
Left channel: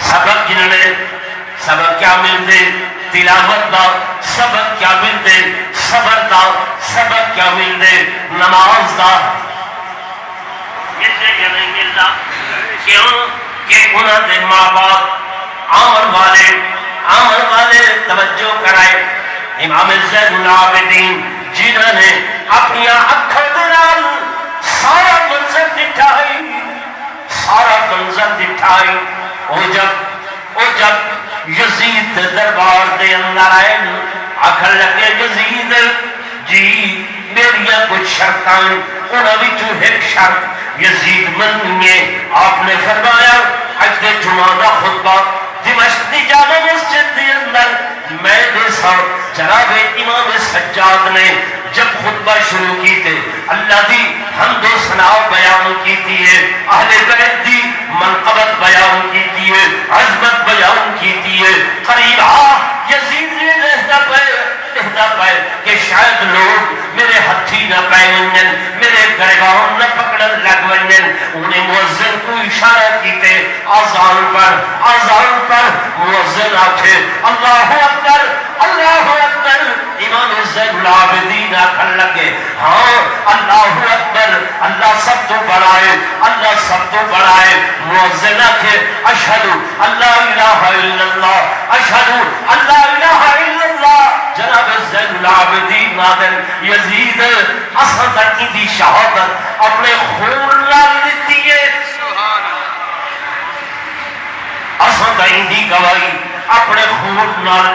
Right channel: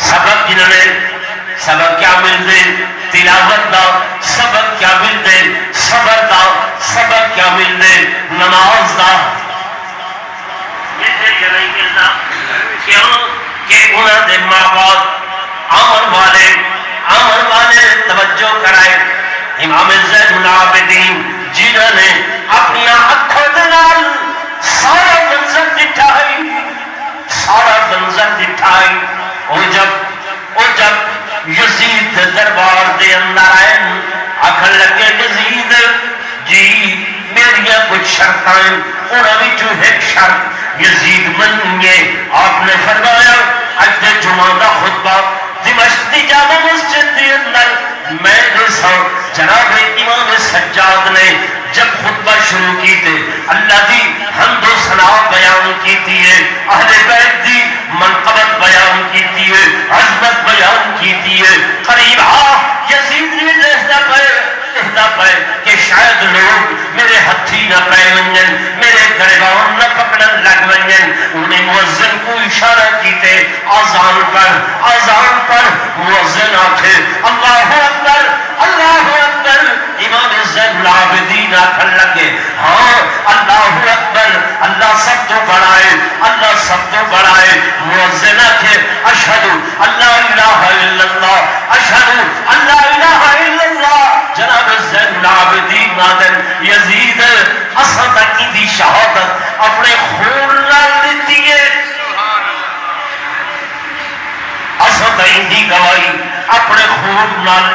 سبق گھننے سبق کیا ملتے تلاوت دا سبق کیا ملتے صبر دا سبق کیا ملتے نماز دا ملتے یا نہیں ملتا کیوں کہ انہوں نے ماں باپ آمن والے توجہ کرائے امام زین العابدین جنہوں نے اپنی آنکھوں دلال سارا منظر دکھائی وہ جب یزید دربار دے اندر آئے آخر لگے یزید جی میریاں کچھ شرطیں انہوں بھی جو ایک شرط یزید منیے آپ نے فرمایا اج دے جمعہ دا خطبہ دمشق دی جامع مسجد دے اندر میں دیسا جناب امام سجاد نے جب خطبہ شروع کی تھے اللہ دی حمد و ثنا بیان کی تھی اہل بیت دی منقبت بیان کی تھی عظمت بیان کی تھی قریب یزید نے لہدہ پائے کہ شاید لوگ میرے ہتھی نہ پائے ونجن میرے گریبان نہ پکڑن لگ ونجن انہیں مؤذن کو اشارہ کیتے آزان پر مؤذن آکھے اللہ اکبر امام زین العابدین آکھن لگے ہاں اللہ اکبر اللہ سب تو بڑھائے مؤذن آکھے اشہدو اللہ الہ الا اللہ اشہدو اللہ الہ الا اللہ جناب زین العابدین نادر یزید اصل تکی دی شہادت اپنے خون لال دیتی ہے اصل تکی دی گواہی اپنے خون لال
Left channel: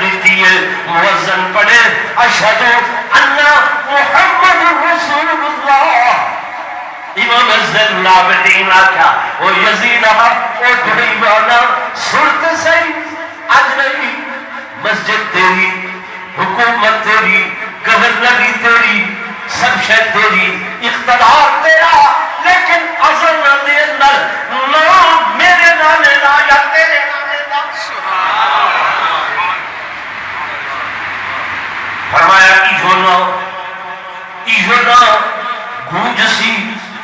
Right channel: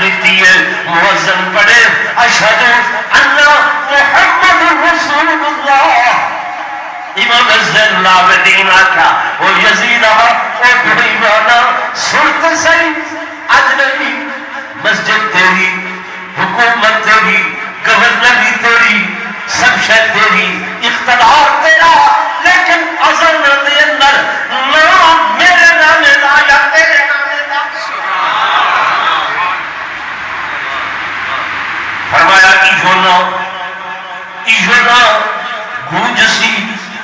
دیتی ہے موزن پڑے اشہدو اللہ محمد رسول اللہ امام زین العابدین آکھا وہ یزید آہا وہ بھئی بانا سنت سائی اجنبی مسجد تیری حکومت تیری گورنری تیری سب شے تیری اقتدار تیرا لیکن ازل دے اندر نام میرے نامے دا یا تیرے نامے دا فرمایا ایجونا گونج سی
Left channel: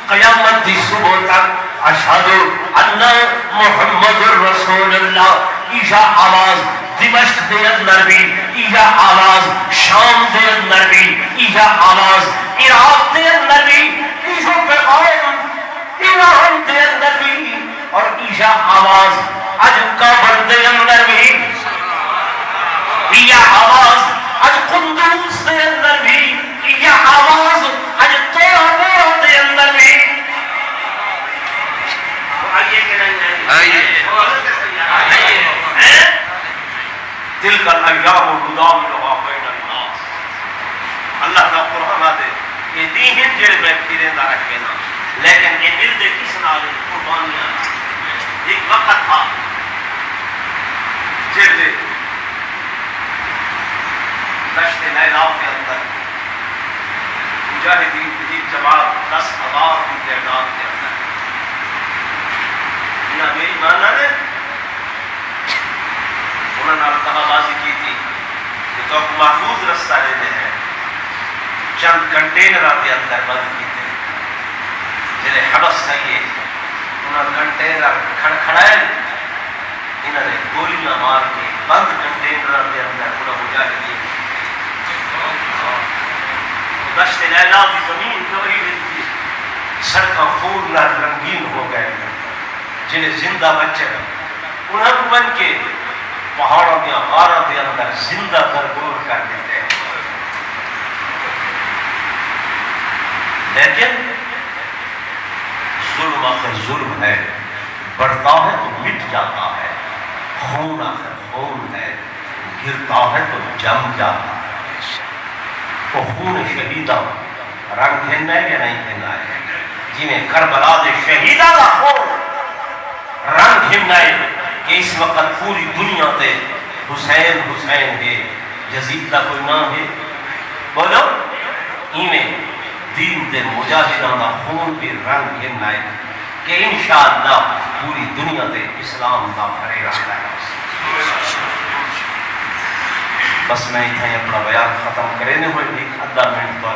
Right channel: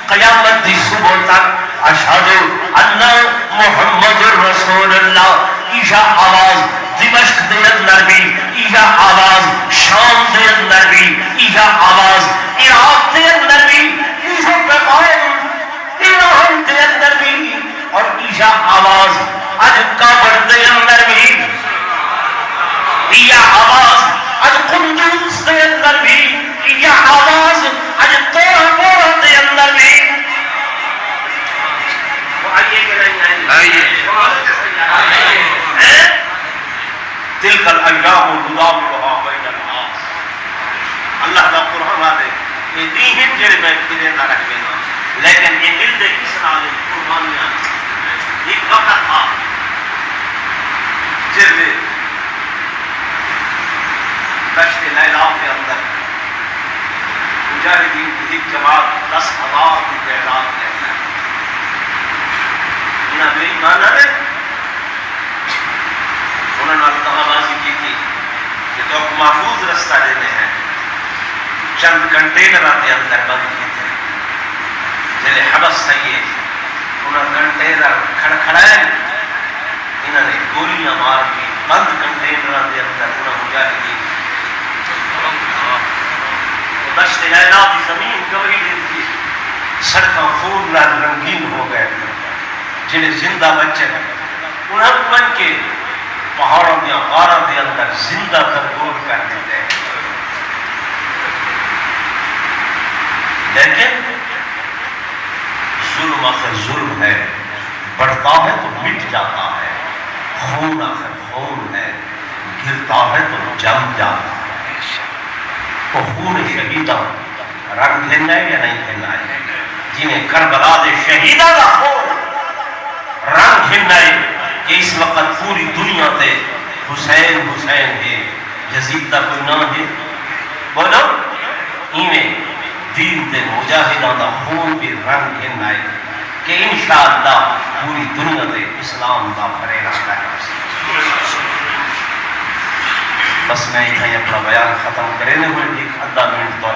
قیامت دی صبح تک اشہدو انہ محمد رسول اللہ ایجا آواز دمشق دے اندر بھی ایجا آواز شام دے اندر بھی ایجا آواز عراق دے اندر بھی ایجا پیغام ایران دے اندر بھی اور ایجا آواز اج کابر دے اندر بھی ایجا آواز اج قندوز دے اندر بھی ایجا آواز اج طور تلک الایام نداولها بین الناس. اللہ دا قرآن آدے یہ دین جڑے میں پھرے نہ رکھ گئے نا لیکن یہ دل دے کس نال قربانیاں ایک وقت تھا جب دشت نیلا کے اندر مجاہدین کی جماعت 10,000 کی تعداد کے اندر انہیں بے ایمان ہے انہوں نے دغا بازی کی تھی کہ تو ایک محفوظ رستہ لینے ہیں چند کنٹینر کے اندر بند کی تھے جلے حبس تھئیے انہوں نے کنٹینر کھڑکھڑائے انہوں نے گولیاں مار کے بند کنٹینر کے اندر انہوں مجاہدین دشت لیلا کی زمین گوئی دیتی سڑکاں خون نال رنگین ہو گئے جنہیں زندہ بچے انہیں بن کے پہاڑوں کے غاروں کے اندر زندہ درگور کر دیتے ہیں. لیکن ظلم آخر ظلم ہے بڑھتا ہے تو مٹ جاتا ہے خون آخر خون ہے گرتا ہے تو جم جاتا ہے. تو خون شہیدہ رنگ کھیلنا ہے یا نہیں کھیلنا ہے جنہیں کربلا دے شہیدہ کا خون رنگ کھیلنا ہے کہ اس وقت پوری دنیا تے حسین حسین ہے یزید کا کوئی نام ہے بولو انہیں دین دے مجاہدان دا خون بھی رنگ کھیلنا ہے کہ انشاءاللہ پوری دنیا تے اسلام دا بھرے گا. بس میں اتنا ہی اپنا بیان ختم کرنے ہوئے ادھا منٹ تو